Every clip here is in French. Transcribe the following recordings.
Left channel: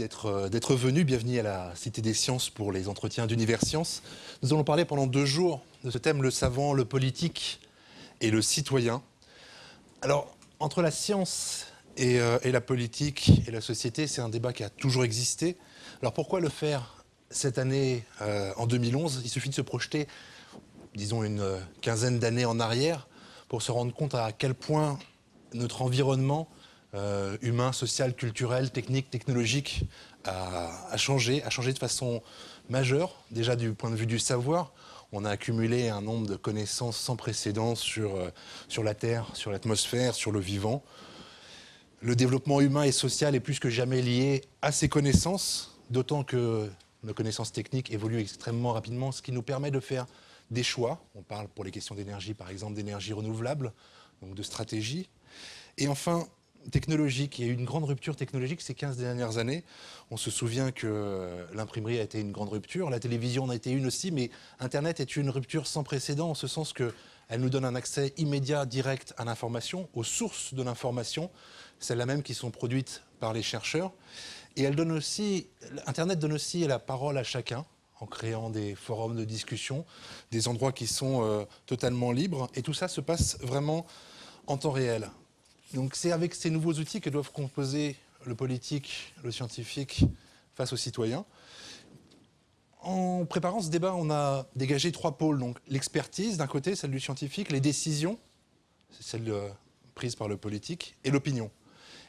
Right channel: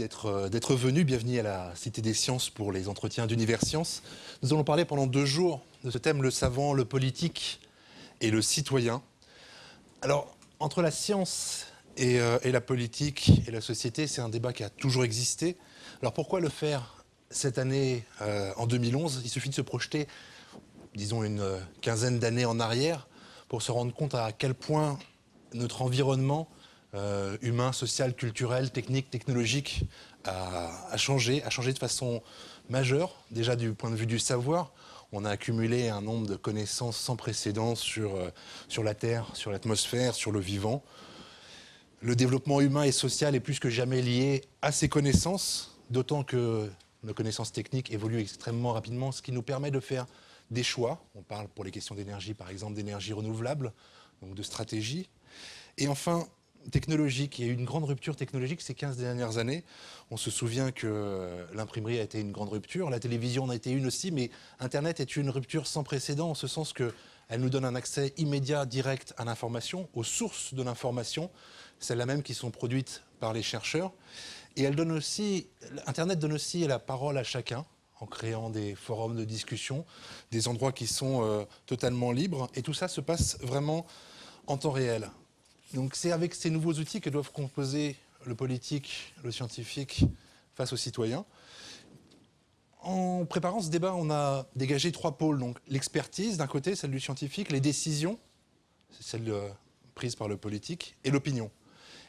d'être venu. Bienvenue à la Cité des Sciences pour les entretiens d'Univers Sciences. Nous allons parler pendant 2 jours de ce thème, le savant, le politique et le citoyen. Alors, entre la science et la politique et la société, c'est un débat qui a toujours existé. Alors pourquoi le faire cette année, en 2011? Il suffit de se projeter, disons, une quinzaine d'années en arrière pour se rendre compte à quel point notre environnement humain, social, culturel, technique, technologique a changé de façon majeure. Déjà du point de vue du savoir, on a accumulé un nombre de connaissances sans précédent sur la Terre, sur l'atmosphère, sur le vivant. Le développement humain et social est plus que jamais lié à ces connaissances, d'autant que nos connaissances techniques évoluent extrêmement rapidement, ce qui nous permet de faire des choix. On parle pour les questions d'énergie, par exemple, d'énergie renouvelable, donc de stratégie. Et enfin, technologique. Il y a eu une grande rupture technologique ces 15 dernières années. On se souvient que l'imprimerie a été une grande rupture, la télévision en a été une aussi, mais Internet est une rupture sans précédent en ce sens qu'elle nous donne un accès immédiat, direct à l'information, aux sources de l'information, celles-là même qui sont produites par les chercheurs. Et elle donne aussi, Internet donne aussi la parole à chacun, en créant des forums de discussion, des endroits qui sont totalement libres. Et tout ça se passe vraiment en temps réel. Donc c'est avec ces nouveaux outils que doivent composer le politique, le scientifique face aux citoyens. En préparant ce débat, on a dégagé 3 pôles. Donc l'expertise d'un côté, celle du scientifique, les décisions, c'est celle prise par le politique, et l'opinion.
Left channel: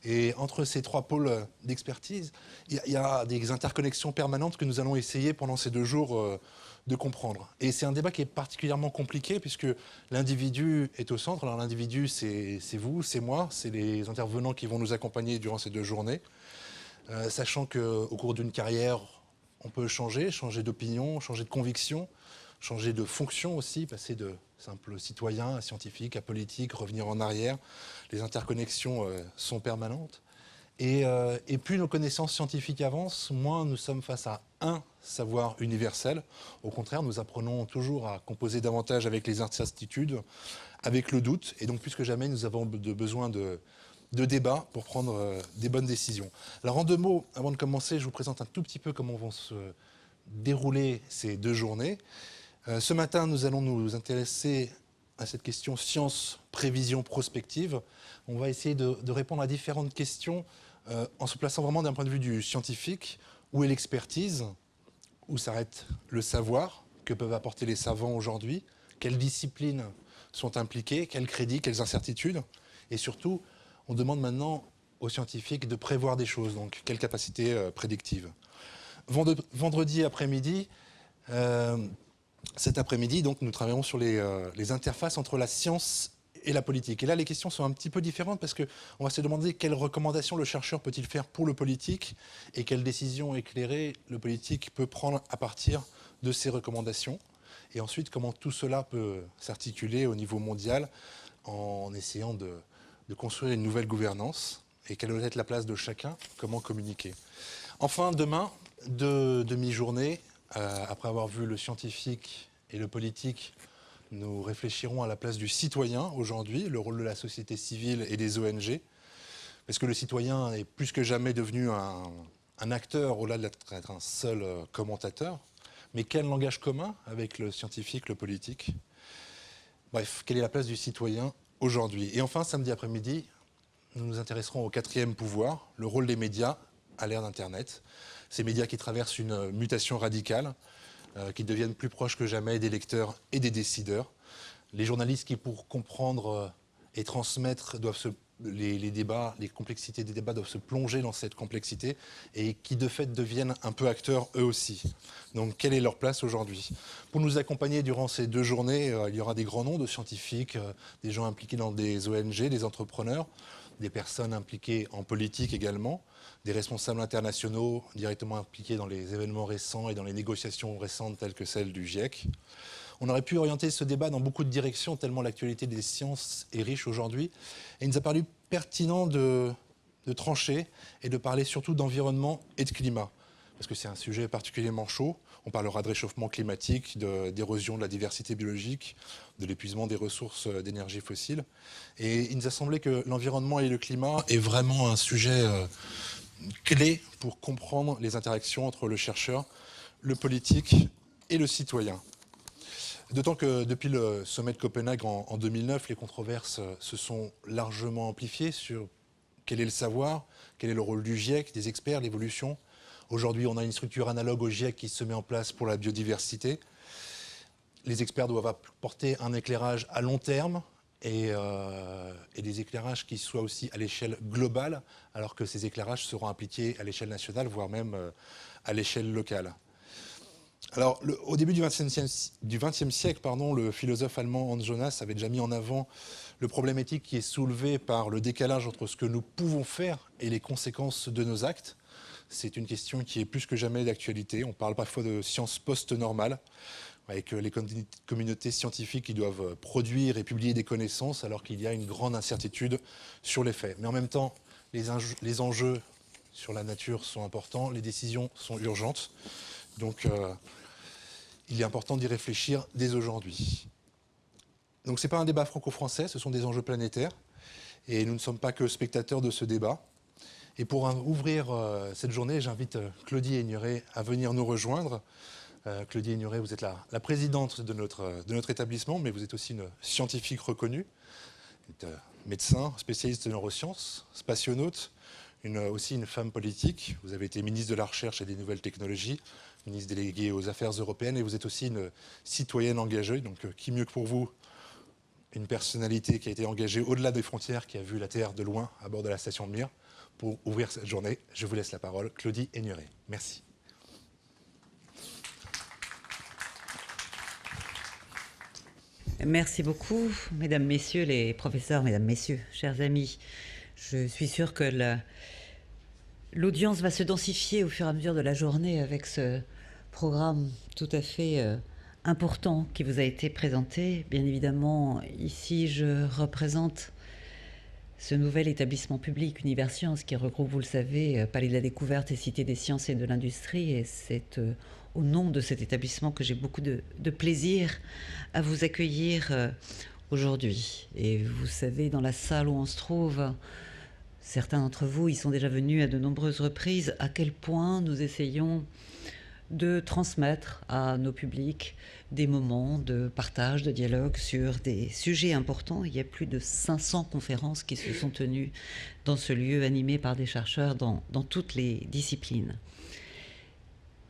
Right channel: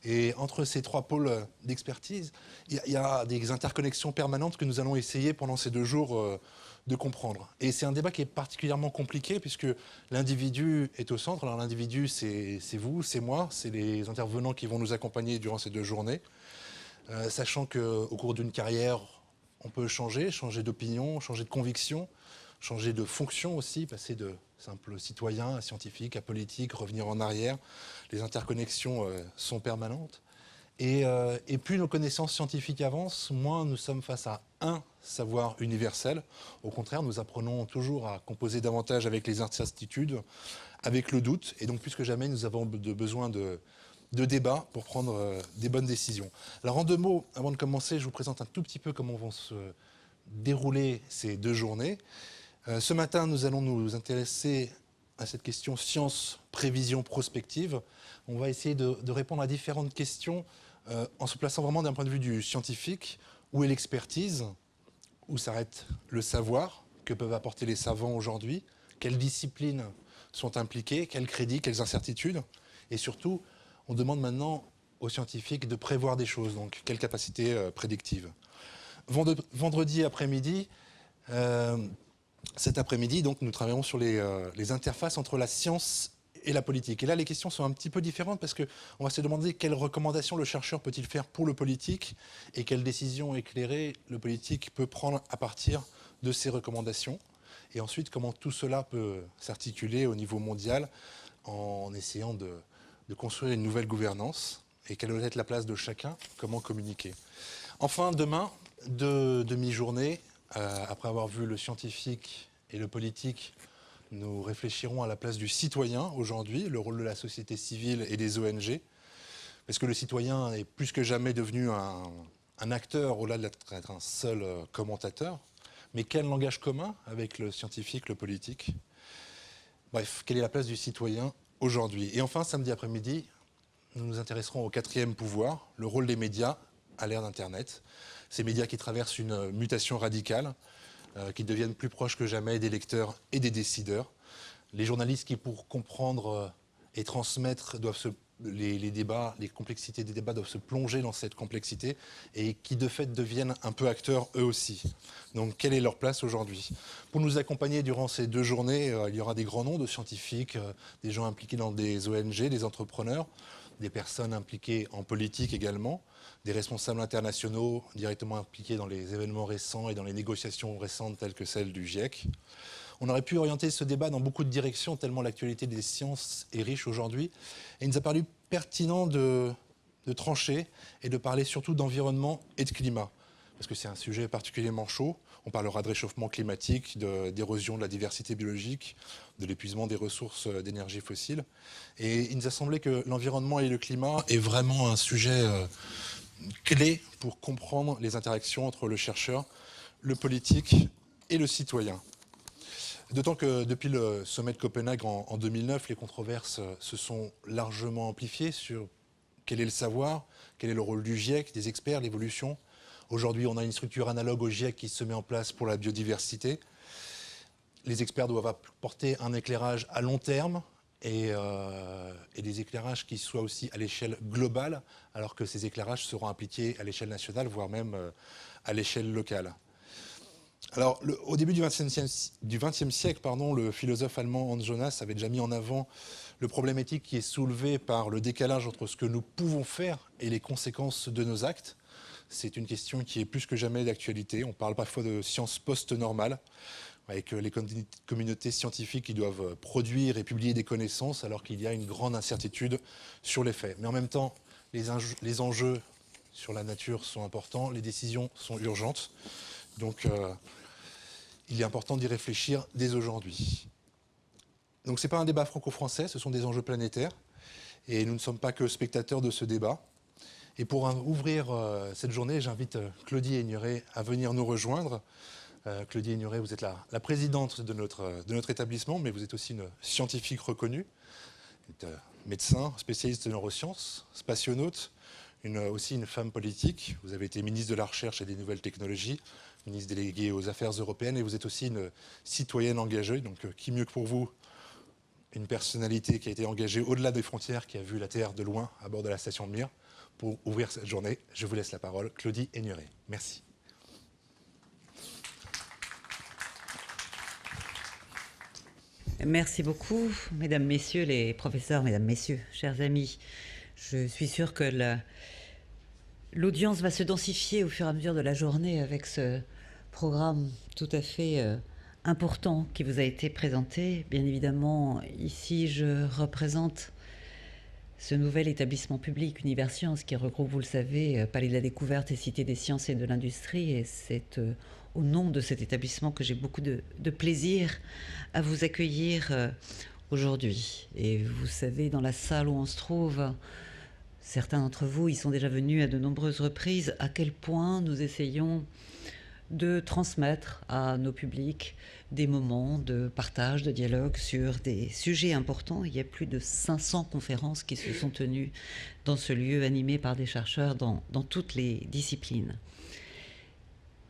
Et entre ces 3 pôles d'expertise, il y a des interconnexions permanentes que nous allons essayer pendant ces 2 jours de comprendre. Et c'est un débat qui est particulièrement compliqué puisque l'individu est au centre. Alors l'individu, c'est vous, c'est moi, c'est les intervenants qui vont nous accompagner durant ces 2 journées. Sachant qu'au cours d'une carrière, on peut changer d'opinion, changer de conviction, changer de fonction aussi, passer de simple citoyen à scientifique, à politique, revenir en arrière. Les interconnexions sont permanentes. Et plus nos connaissances scientifiques avancent, moins nous sommes face à un savoir universel. Au contraire, nous apprenons toujours à composer davantage avec les incertitudes, avec le doute. Et donc, plus que jamais, nous avons besoin de débats pour prendre des bonnes décisions. Alors, en 2 mots, avant de commencer, je vous présente un tout petit peu comment vont se dérouler ces 2 journées. Ce matin, nous allons nous intéresser à cette question science, prévision, prospective. On va essayer de répondre à différentes questions en se plaçant vraiment d'un point de vue du scientifique. Où est l'expertise? Où s'arrête le savoir? Que peuvent apporter les savants aujourd'hui? Quelles disciplines sont impliquées? Quels crédits? Quelles incertitudes? Et surtout, on demande maintenant aux scientifiques de prévoir des choses. Donc, quelle capacité prédictive? Vendredi après-midi, cet après-midi, donc, nous travaillons sur les interfaces entre la science et la politique. Et là, les questions sont un petit peu différentes parce qu'on va se demander quelles recommandations le chercheur peut-il faire pour le politique et quelles décisions éclairées le politique peut prendre à partir de ces recommandations. Et ensuite, comment tout cela peut s'articuler au niveau mondial en essayant de construire une nouvelle gouvernance et quelle doit être la place de chacun, comment communiquer. Enfin, demain, 2 demi-journées, après avoir vu le scientifique et le politique, nous réfléchirons à la place du citoyen aujourd'hui, le rôle de la société civile et des ONG, parce que le citoyen est plus que jamais devenu un acteur au-delà d'être un seul commentateur. Mais quel langage commun avec le scientifique, le politique? Bref, quelle est la place du citoyen aujourd'hui? Et enfin, samedi après-midi, nous nous intéresserons au 4e pouvoir, le rôle des médias à l'ère d'Internet. Ces médias qui traversent une mutation radicale, qui deviennent plus proches que jamais des lecteurs et des décideurs. Les journalistes qui, pour comprendre et transmettre, les débats, les complexités des débats doivent se plonger dans cette complexité et qui, de fait, deviennent un peu acteurs eux aussi. Donc, quelle est leur place aujourd'hui? Pour nous accompagner durant ces 2 journées, il y aura des grands noms de scientifiques, des gens impliqués dans des ONG, des entrepreneurs, des personnes impliquées en politique également, des responsables internationaux directement impliqués dans les événements récents et dans les négociations récentes telles que celles du GIEC. On aurait pu orienter ce débat dans beaucoup de directions tellement l'actualité des sciences est riche aujourd'hui. Et il nous a paru pertinent de trancher et de parler surtout d'environnement et de climat. Parce que c'est un sujet particulièrement chaud. On parlera de réchauffement climatique, d'érosion de la diversité biologique, de l'épuisement des ressources d'énergie fossile. Et il nous a semblé que l'environnement et le climat est vraiment un sujet clé pour comprendre les interactions entre le chercheur, le politique et le citoyen. D'autant que depuis le sommet de Copenhague en 2009, les controverses se sont largement amplifiées sur quel est le savoir, quel est le rôle du GIEC, des experts, l'évolution. Aujourd'hui, on a une structure analogue au GIEC qui se met en place pour la biodiversité. Les experts doivent apporter un éclairage à long terme et des éclairages qui soient aussi à l'échelle globale, alors que ces éclairages seront appliqués à l'échelle nationale, voire même à l'échelle locale. Alors, au début du XXe siècle, le philosophe allemand Hans Jonas avait déjà mis en avant le problème éthique qui est soulevé par le décalage entre ce que nous pouvons faire et les conséquences de nos actes. C'est une question qui est plus que jamais d'actualité. On parle parfois de sciences post-normales, avec les communautés scientifiques qui doivent produire et publier des connaissances alors qu'il y a une grande incertitude sur les faits. Mais en même temps, les enjeux sur la nature sont importants, les décisions sont urgentes. Donc, il est important d'y réfléchir dès aujourd'hui. Donc, ce n'est pas un débat franco-français, ce sont des enjeux planétaires. Et nous ne sommes pas que spectateurs de ce débat. Et pour ouvrir cette journée, j'invite Claudie Aigneret à venir nous rejoindre. Claudie Aigneret, vous êtes la présidente de notre établissement, mais vous êtes aussi une scientifique reconnue. Vous êtes médecin, spécialiste de neurosciences, spationaute, aussi une femme politique. Vous avez été ministre de la Recherche et des Nouvelles Technologies, ministre déléguée aux Affaires européennes, et vous êtes aussi une citoyenne engagée. Donc, qui mieux que pour vous, une personnalité qui a été engagée au-delà des frontières, qui a vu la Terre de loin à bord de la station de Mir. Pour ouvrir cette journée, je vous laisse la parole. Claudie Aigneret. Merci. Merci beaucoup, mesdames, messieurs les professeurs, mesdames, messieurs, chers amis. Je suis sûre que l'audience va se densifier au fur et à mesure de la journée avec ce programme tout à fait important qui vous a été présenté. Bien évidemment, ici, je représente ce nouvel établissement public Univers Sciences qui regroupe, vous le savez, Palais de la Découverte et Cité des Sciences et de l'Industrie. Et c'est au nom de cet établissement que j'ai beaucoup de plaisir à vous accueillir aujourd'hui. Et vous savez, dans la salle où on se trouve, certains d'entre vous y sont déjà venus à de nombreuses reprises, à quel point nous essayons de transmettre à nos publics des moments de partage, de dialogue sur des sujets importants. Il y a plus de 500 conférences qui se sont tenues dans ce lieu animé par des chercheurs dans toutes les disciplines.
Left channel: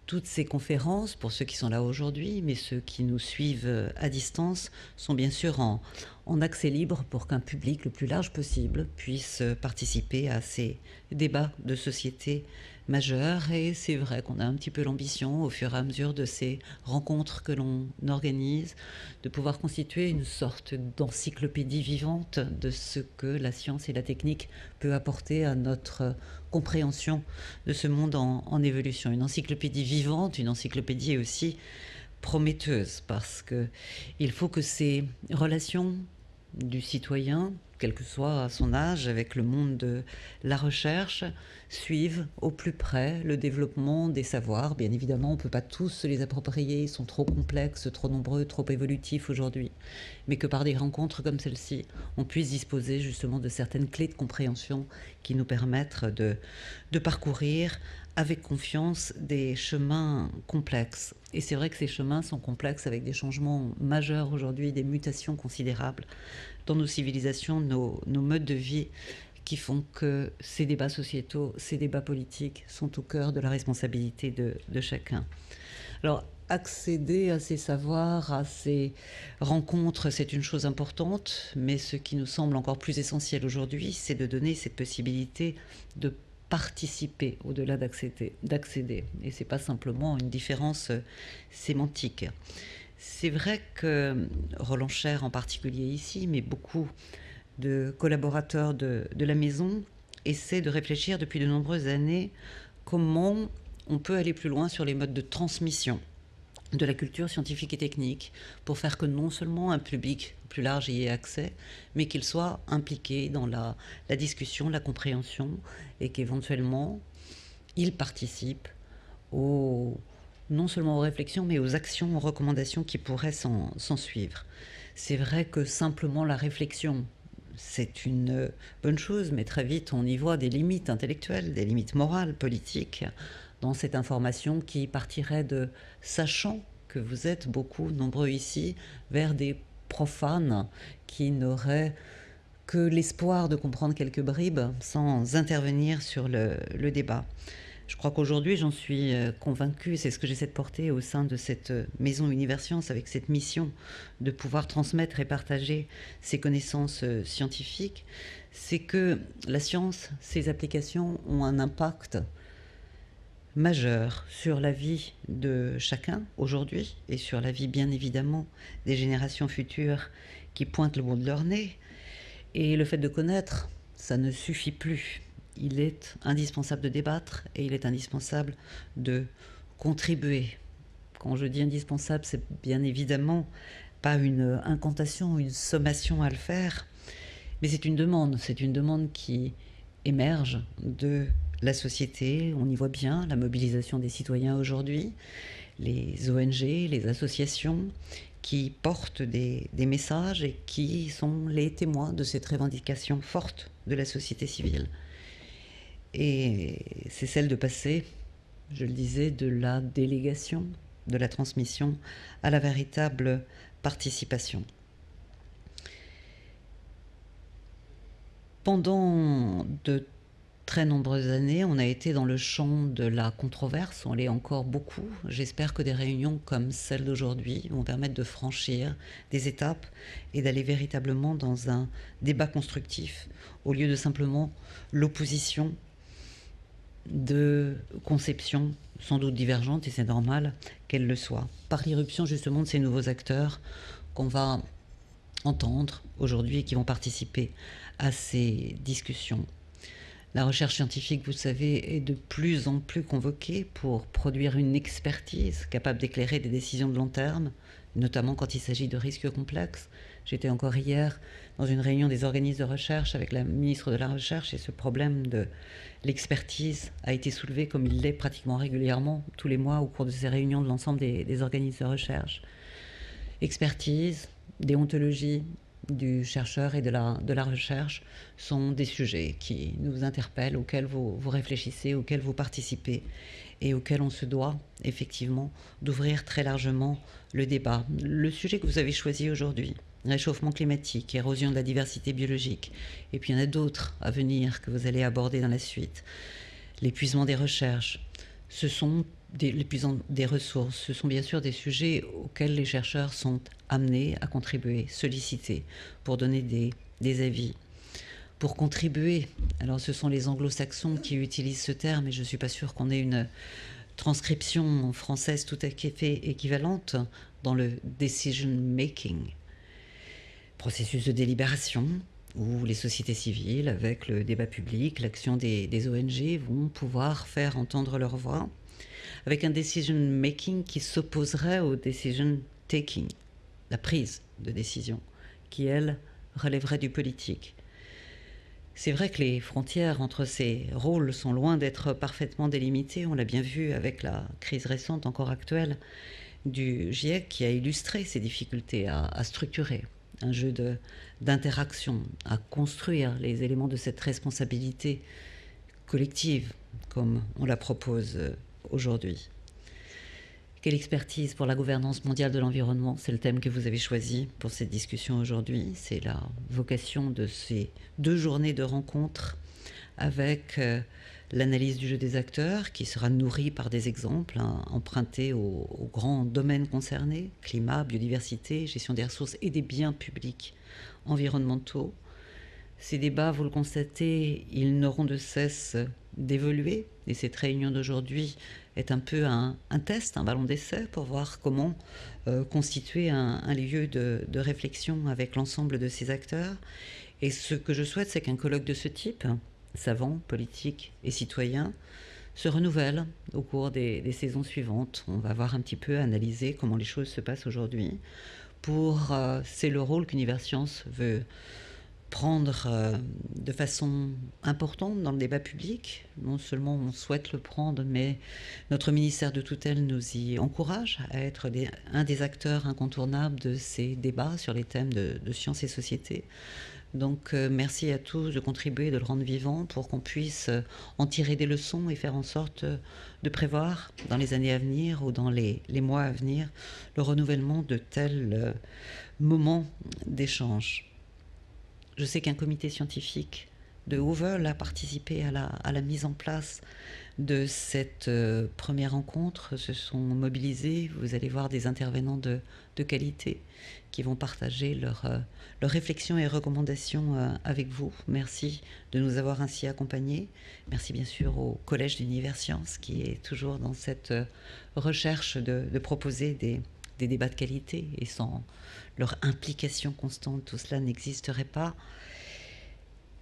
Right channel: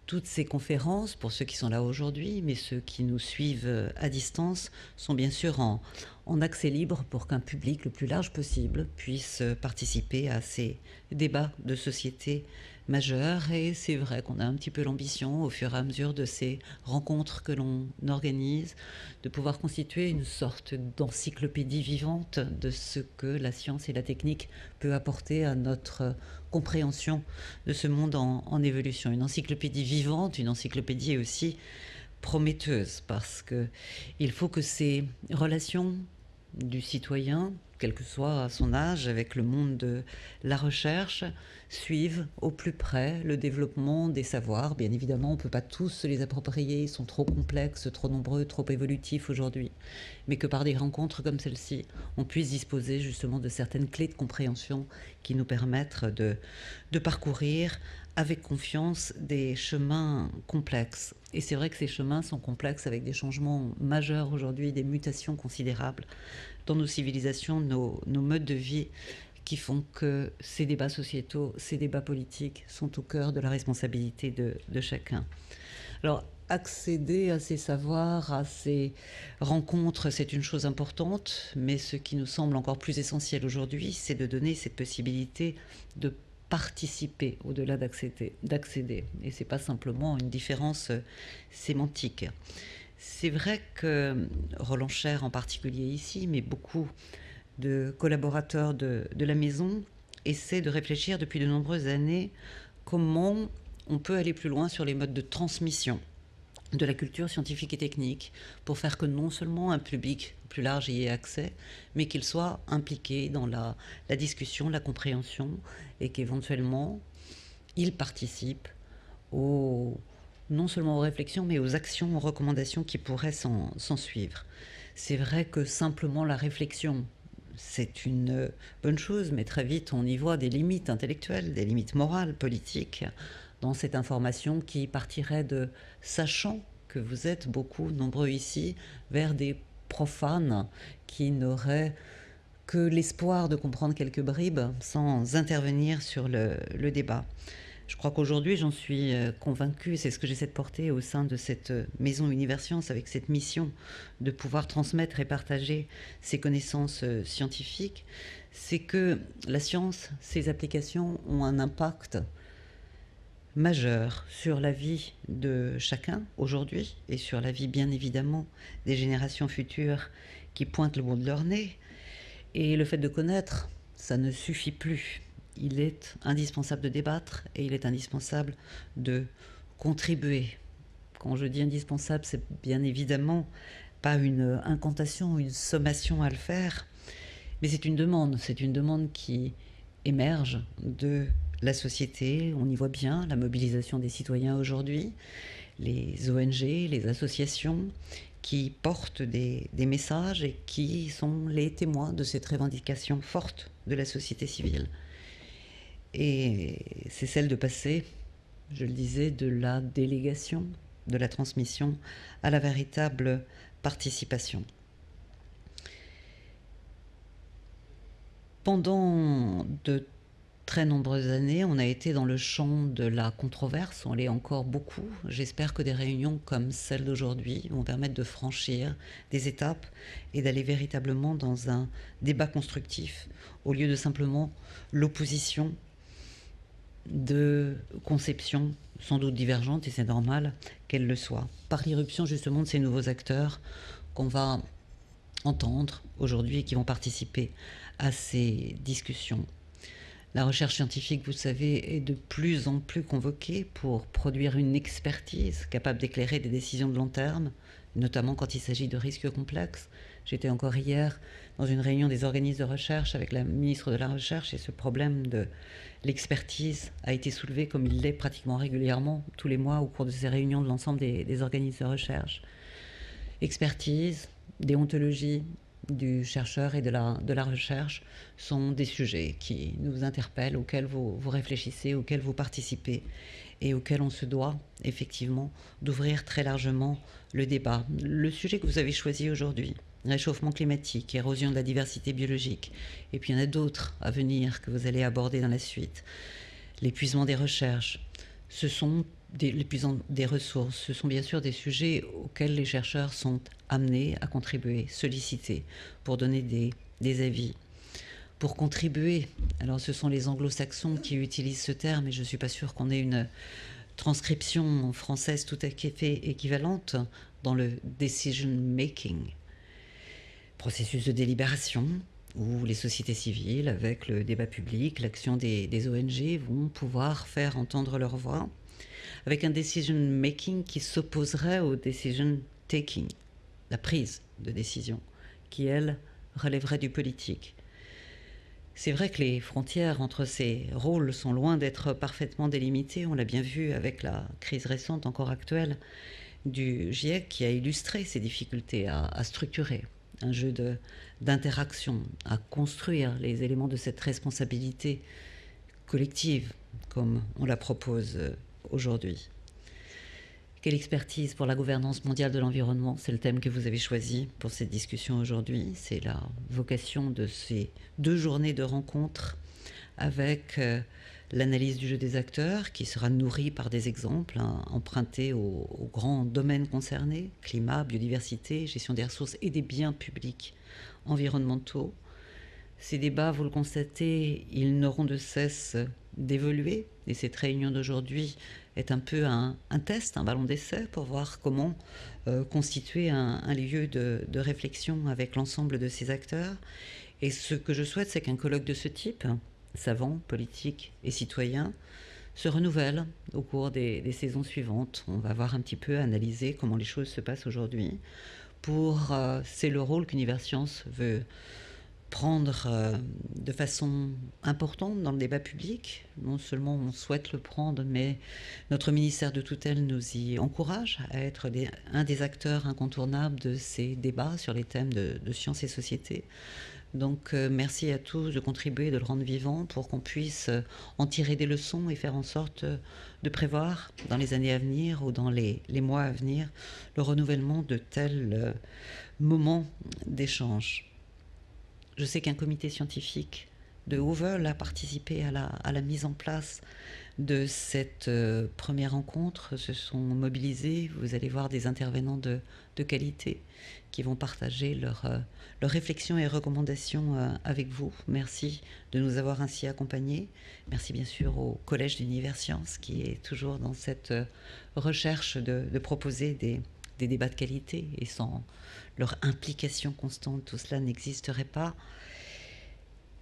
Toutes ces conférences, pour ceux qui sont là aujourd'hui, mais ceux qui nous suivent à distance, sont bien sûr en accès libre pour qu'un public le plus large possible puisse participer à ces débats de société majeurs. Et c'est vrai qu'on a un petit peu l'ambition, au fur et à mesure de ces rencontres que l'on organise, de pouvoir constituer une sorte d'encyclopédie vivante de ce que la science et la technique peut apporter à notre compréhension de ce monde en évolution. Une encyclopédie vivante, une encyclopédie aussi prometteuse, parce qu'il faut que ces relations du citoyen, quel que soit son âge, avec le monde de la recherche, suivent au plus près le développement des savoirs. Bien évidemment, on ne peut pas tous se les approprier, ils sont trop complexes, trop nombreux, trop évolutifs aujourd'hui, mais que par des rencontres comme celle-ci, on puisse disposer justement de certaines clés de compréhension qui nous permettent de parcourir avec confiance des chemins complexes. Et c'est vrai que ces chemins sont complexes avec des changements majeurs aujourd'hui, des mutations considérables dans nos civilisations, nos modes de vie, qui font que ces débats sociétaux, ces débats politiques sont au cœur de la responsabilité de chacun. Alors, accéder à ces savoirs, à ces rencontres, c'est une chose importante, mais ce qui nous semble encore plus essentiel aujourd'hui, c'est de donner cette possibilité de participer au-delà d'accéder. Et ce n'est pas simplement une différence sémantique. C'est vrai que Roland Cher en particulier ici, mais beaucoup de collaborateurs de la maison essaient de réfléchir depuis de nombreuses années comment on peut aller plus loin sur les modes de transmission de la culture scientifique et technique pour faire que non seulement un public plus large y ait accès, mais qu'il soit impliqué dans la discussion, la compréhension, et qu'éventuellement il participe non seulement aux réflexions, mais aux actions, aux recommandations qui pourraient s'en suivre. C'est vrai que simplement la réflexion c'est une bonne chose, mais très vite on y voit des limites intellectuelles, des limites morales, politiques, dans cette information qui partirait de sachant que vous êtes beaucoup, nombreux ici, vers des profanes qui n'auraient que l'espoir de comprendre quelques bribes sans intervenir sur le débat. Je crois qu'aujourd'hui, j'en suis convaincue, c'est ce que j'essaie de porter au sein de cette maison Universcience, avec cette mission de pouvoir transmettre et partager ces connaissances scientifiques, c'est que la science, ses applications ont un impact majeur sur la vie de chacun aujourd'hui et sur la vie bien évidemment des générations futures qui pointent le bout de leur nez. Et le fait de connaître, ça ne suffit plus. Il est indispensable de débattre et il est indispensable de contribuer. Quand je dis indispensable, c'est bien évidemment pas une incantation, une sommation à le faire, mais c'est une demande qui émerge de la société. On y voit bien la mobilisation des citoyens aujourd'hui, les ONG, les associations qui portent des messages et qui sont les témoins de cette revendication forte de la société civile. Et c'est celle de passer, je le disais, de la délégation, de la transmission, à la véritable participation. Pendant de très nombreuses années, on a été dans le champ de la controverse, on l'est encore beaucoup. J'espère que des réunions comme celle d'aujourd'hui vont permettre de franchir des étapes et d'aller véritablement dans un débat constructif, au lieu de simplement l'opposition de conceptions sans doute divergentes, et c'est normal qu'elles le soient, par l'irruption justement de ces nouveaux acteurs qu'on va entendre aujourd'hui et qui vont participer à ces discussions. La recherche scientifique, vous savez, est de plus en plus convoquée pour produire une expertise capable d'éclairer des décisions de long terme, notamment quand il s'agit de risques complexes. J'étais encore hier dans une réunion des organismes de recherche avec la ministre de la Recherche et ce problème de l'expertise a été soulevé comme il l'est pratiquement régulièrement tous les mois au cours de ces réunions de l'ensemble des organismes de recherche. Expertise, déontologie du chercheur et de la recherche sont des sujets qui nous interpellent, auxquels vous réfléchissez, auxquels vous participez et auxquels on se doit effectivement d'ouvrir très largement le débat. Le sujet que vous avez choisi aujourd'hui, réchauffement climatique, érosion de la diversité biologique, et puis il y en a d'autres à venir que vous allez aborder dans la suite. L'épuisement des recherches, ce sont l'épuisement des ressources, ce sont bien sûr des sujets auxquels les chercheurs sont amenés à contribuer, sollicités pour donner des avis, pour contribuer. Alors ce sont les anglo-saxons qui utilisent ce terme et je ne suis pas sûre qu'on ait une transcription française tout à fait équivalente dans le decision making, processus de délibération où les sociétés civiles, avec le débat public, l'action des ONG, vont pouvoir faire entendre leur voix, avec un decision making qui s'opposerait au decision taking, la prise de décision, qui, elle, relèverait du politique. C'est vrai que les frontières entre ces rôles sont loin d'être parfaitement délimitées. On l'a bien vu avec la crise récente, encore actuelle, du GIEC, qui a illustré ces difficultés à structurer un jeu d'interaction, à construire les éléments de cette responsabilité collective, comme on la propose aujourd'hui. Quelle expertise pour la gouvernance mondiale de l'environnement? C'est le thème que vous avez choisi pour cette discussion aujourd'hui. C'est la vocation de ces 2 journées de rencontres avec l'analyse du jeu des acteurs qui sera nourrie par des exemples empruntés aux grands domaines concernés, climat, biodiversité, gestion des ressources et des biens publics environnementaux. Ces débats, vous le constatez, ils n'auront de cesse d'évoluer et cette réunion d'aujourd'hui est un peu un test, un ballon d'essai pour voir comment constituer un lieu de réflexion avec l'ensemble de ces acteurs. Et ce que je souhaite, c'est qu'un colloque de ce type, savants, politiques et citoyens, se renouvelle au cours des saisons suivantes. On va voir un petit peu, analyser comment les choses se passent aujourd'hui. C'est le rôle qu'Universcience veut prendre de façon importante dans le débat public. Non seulement on souhaite le prendre, mais notre ministère de tutelle nous y encourage à être un des acteurs incontournables de ces débats sur les thèmes de sciences et société. Donc merci à tous de contribuer, de le rendre vivant pour qu'on puisse en tirer des leçons et faire en sorte de prévoir dans les années à venir ou dans les mois à venir le renouvellement de tels moments d'échange. Je sais qu'un comité scientifique de Hoover a participé à la mise en place de cette première rencontre, se sont mobilisés. Vous allez voir des intervenants de qualité qui vont partager leurs réflexions et recommandations avec vous. Merci de nous avoir ainsi accompagnés. Merci bien sûr au Collège d'Univers Sciences qui est toujours dans cette recherche de proposer des débats de qualité, et sans leur implication constante, tout cela n'existerait pas.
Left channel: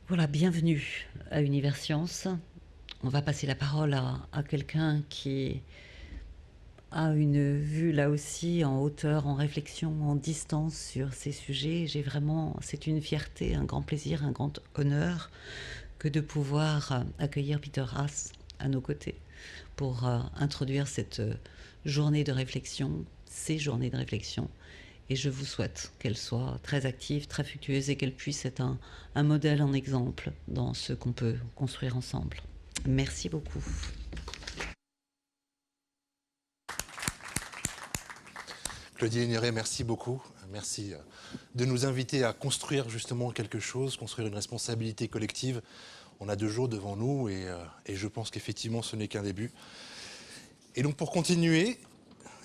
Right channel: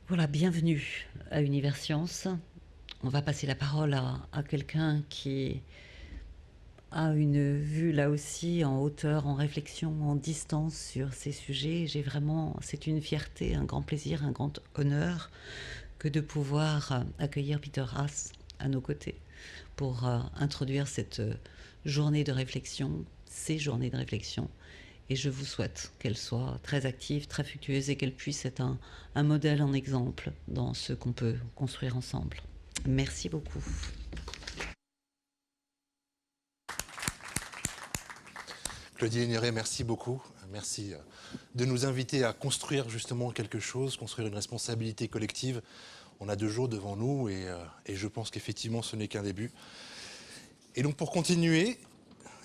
Voilà, bienvenue à Univers Sciences. On va passer la parole à quelqu'un qui a une vue là aussi en hauteur, en réflexion, en distance sur ces sujets. C'est une fierté, un grand plaisir, un grand honneur que de pouvoir accueillir Peter Haas à nos côtés pour introduire cette journée de réflexion, ces journées de réflexion. Et je vous souhaite qu'elles soient très actives, très fructueuses et qu'elles puissent être un modèle, un exemple dans ce qu'on peut construire ensemble. Merci beaucoup. Claudie Ligneré, merci beaucoup. Merci de nous inviter à construire justement quelque chose, construire une responsabilité collective. On a 2 jours devant nous et je pense qu'effectivement ce n'est qu'un début. Et donc pour continuer,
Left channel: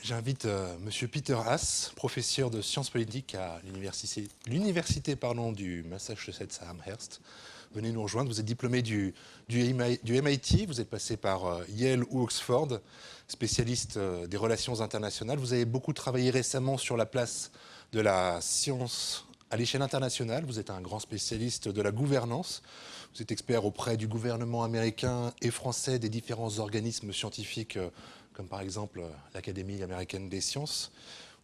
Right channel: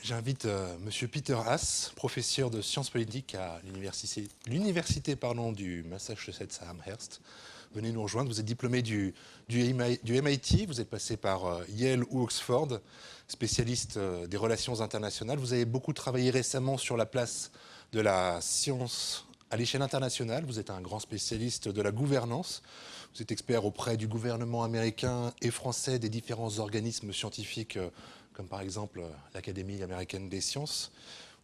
j'invite Monsieur Peter Haas, professeur de sciences politiques à l'université du Massachusetts à Amherst. Venez nous rejoindre. Vous êtes diplômé du MIT, vous êtes passé par Yale ou Oxford, spécialiste des relations internationales. Vous avez beaucoup travaillé récemment sur la place de la science à l'échelle internationale. Vous êtes un grand spécialiste de la gouvernance. Vous êtes expert auprès du gouvernement américain et français, des différents organismes scientifiques, comme par exemple l'Académie américaine des sciences.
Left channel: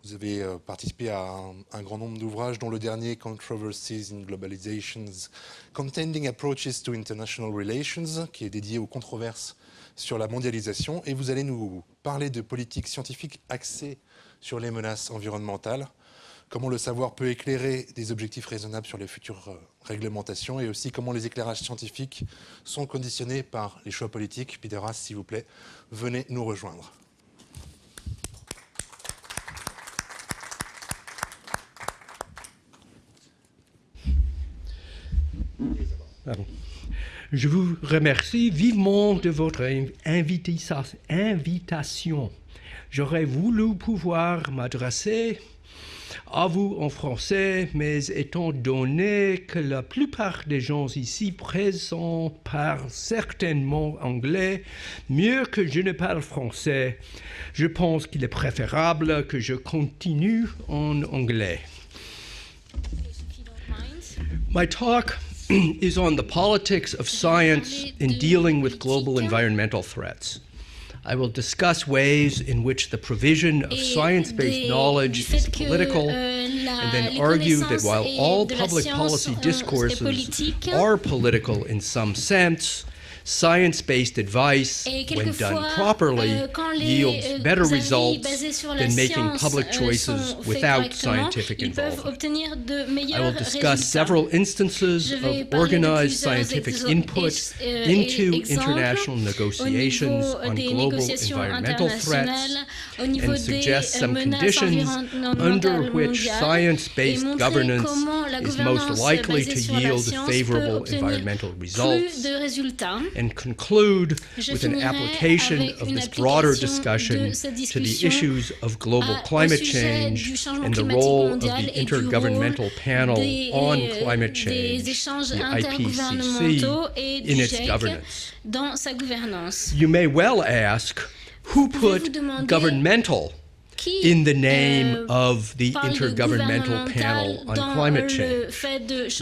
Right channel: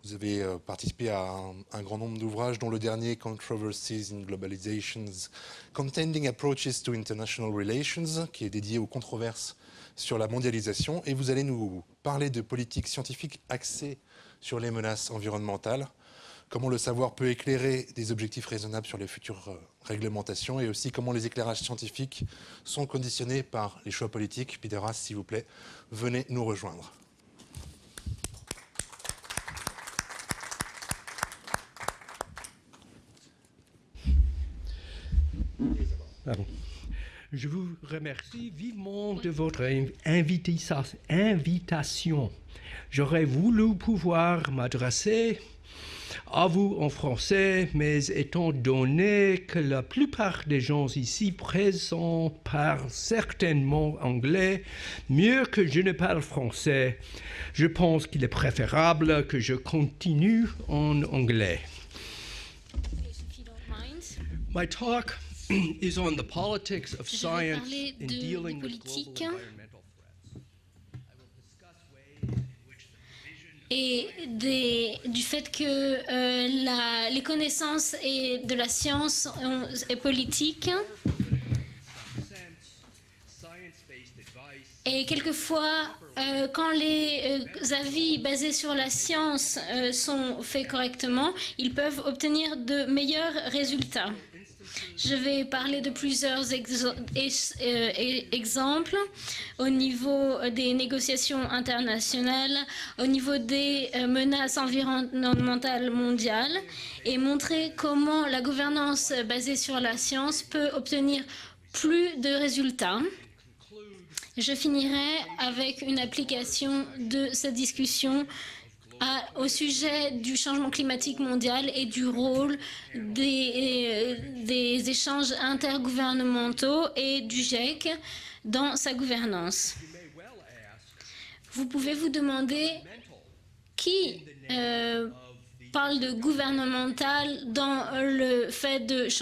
Vous avez participé à un grand nombre d'ouvrages, dont le dernier, Controversies in Globalization's Contending Approaches to International Relations, qui est dédié aux controverses sur la mondialisation. Et vous allez nous parler de politiques scientifiques axées sur les menaces environnementales, comment le savoir peut éclairer des objectifs raisonnables sur les futures réglementations, et aussi comment les éclairages scientifiques sont conditionnés par les choix politiques. Peter Haas, s'il vous plaît, venez nous rejoindre. Pardon. Je vous remercie vivement de votre invitation. J'aurais voulu pouvoir m'adresser à vous en français, mais étant donné que la plupart des gens ici présents parlent certainement anglais, mieux que je ne parle français, je pense qu'il est préférable que je continue en anglais. My talk is on the politics of science in dealing with global environmental threats. I will discuss ways in which the provision of science-based knowledge is political, and then argue that while all public policy discourses are political in some sense, science-based advice, when done properly, yields better results than making public choices without scientific involvement. I will discuss several instances of organized scientific input into international negotiations on global environmental threats, and suggest some conditions under which science-based governance is most likely to yield favorable environmental results. And conclude with an application of this broader discussion to the issues of global climate change and the role of the Intergovernmental Panel on Climate Change, the IPCC, in its governance. You may well ask, who put governmental in the name of the Intergovernmental Panel on Climate Change?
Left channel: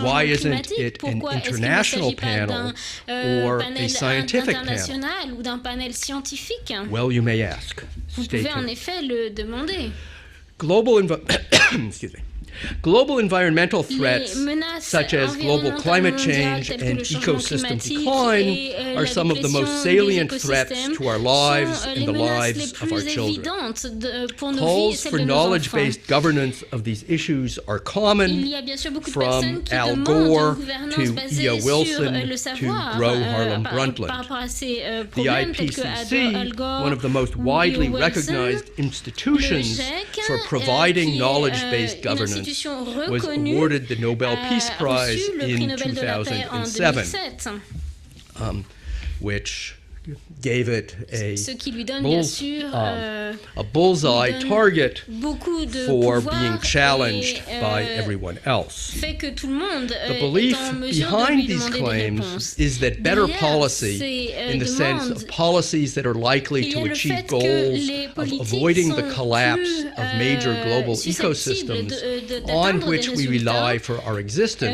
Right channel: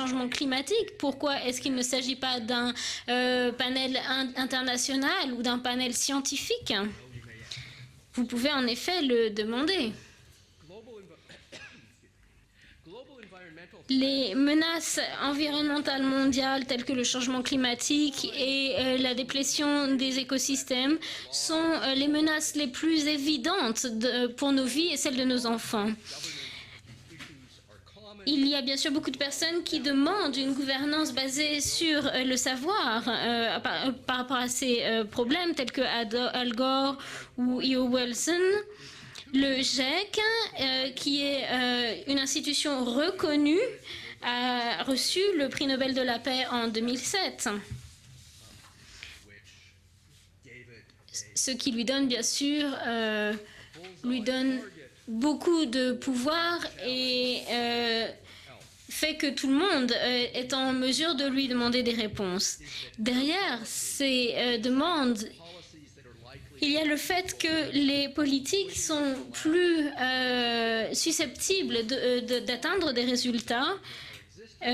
Why isn't it an international panel or a scientific panel? Well, you may ask. Vous pouvez en effet le demander. Excuse me. Global environmental Les threats, menaces such as global environnementales climate mondiales change telles que le and changement ecosystem climatique decline et are la some of the déplétion most des salient threats écosystèmes to our lives sont and les the menaces lives les of our plus children. évidentes pour nos vies et Calls celles for de nos enfants. knowledge-based governance of these issues are common. Il y a bien sûr beaucoup de From personnes qui Al demandent Gore une gouvernance to basée E.O. sur Wilson le to savoir Gro Harlem par Brundtland. rapport à ces The problèmes tels que Al IPCC, Gore one of the most ou widely E.O. Wilson. recognized Le institutions GIEC, for providing qui knowledge-based est une governance, institution was reconnue, awarded the Nobel Peace a Prize reçu le prix in Nobel de la paix en 2007, 2007. which gave it Ce qui lui donne bien sûr a bullseye donne target beaucoup de for being pouvoir challenged et by everyone else. fait que tout le monde The est belief en mesure de lui behind these demander des claims réponses. is that better Derrière policy, ces in the sense demandes, of policies that are likely il y a to le achieve fait goals que les of politiques avoiding sont the collapse plus of major global susceptibles ecosystems on d'atteindre des which we résultats rely for our existence,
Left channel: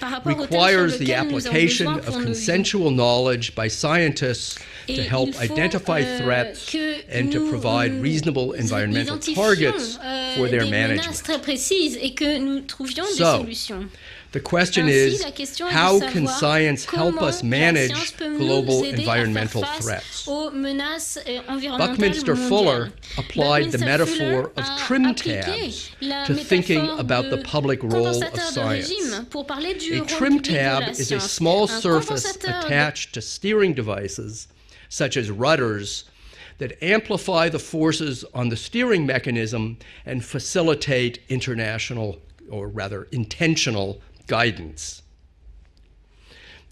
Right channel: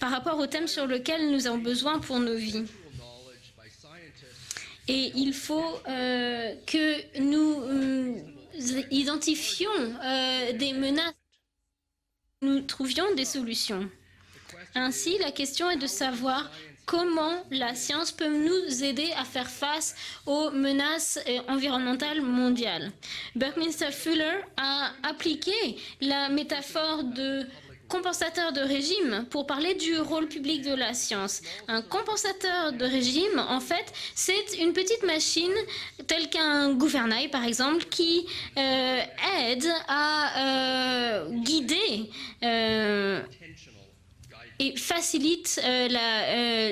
par rapport au thème sur requires the lequel nous avons application besoin of pour nos vies. consensual knowledge by scientists to Et help il faut identify threats que and to nous provide reasonable environmental identifions targets for their des management. menaces très précises et que nous trouvions des So, solutions. The question Ainsi, is, la question est how de can savoir science help comment us la manage science peut nous global aider à faire environmental face threats? aux menaces environnementales Buckminster Fuller mondiales. applied the Buckminster Fuller metaphor of a trim appliqué tabs la to thinking métaphore about the de public role of compensateur de science. régime pour parler du A rôle trim public de tab la is a science. small Un surface compensateur de attached to régime, en steering fait, devices, c'est une petite such as machine rudders, telle qu'un that gouvernail, par amplify the exemple, forces qui on the steering aide mechanism à and facilitate guider international, or rather intentional, et guidance. facilite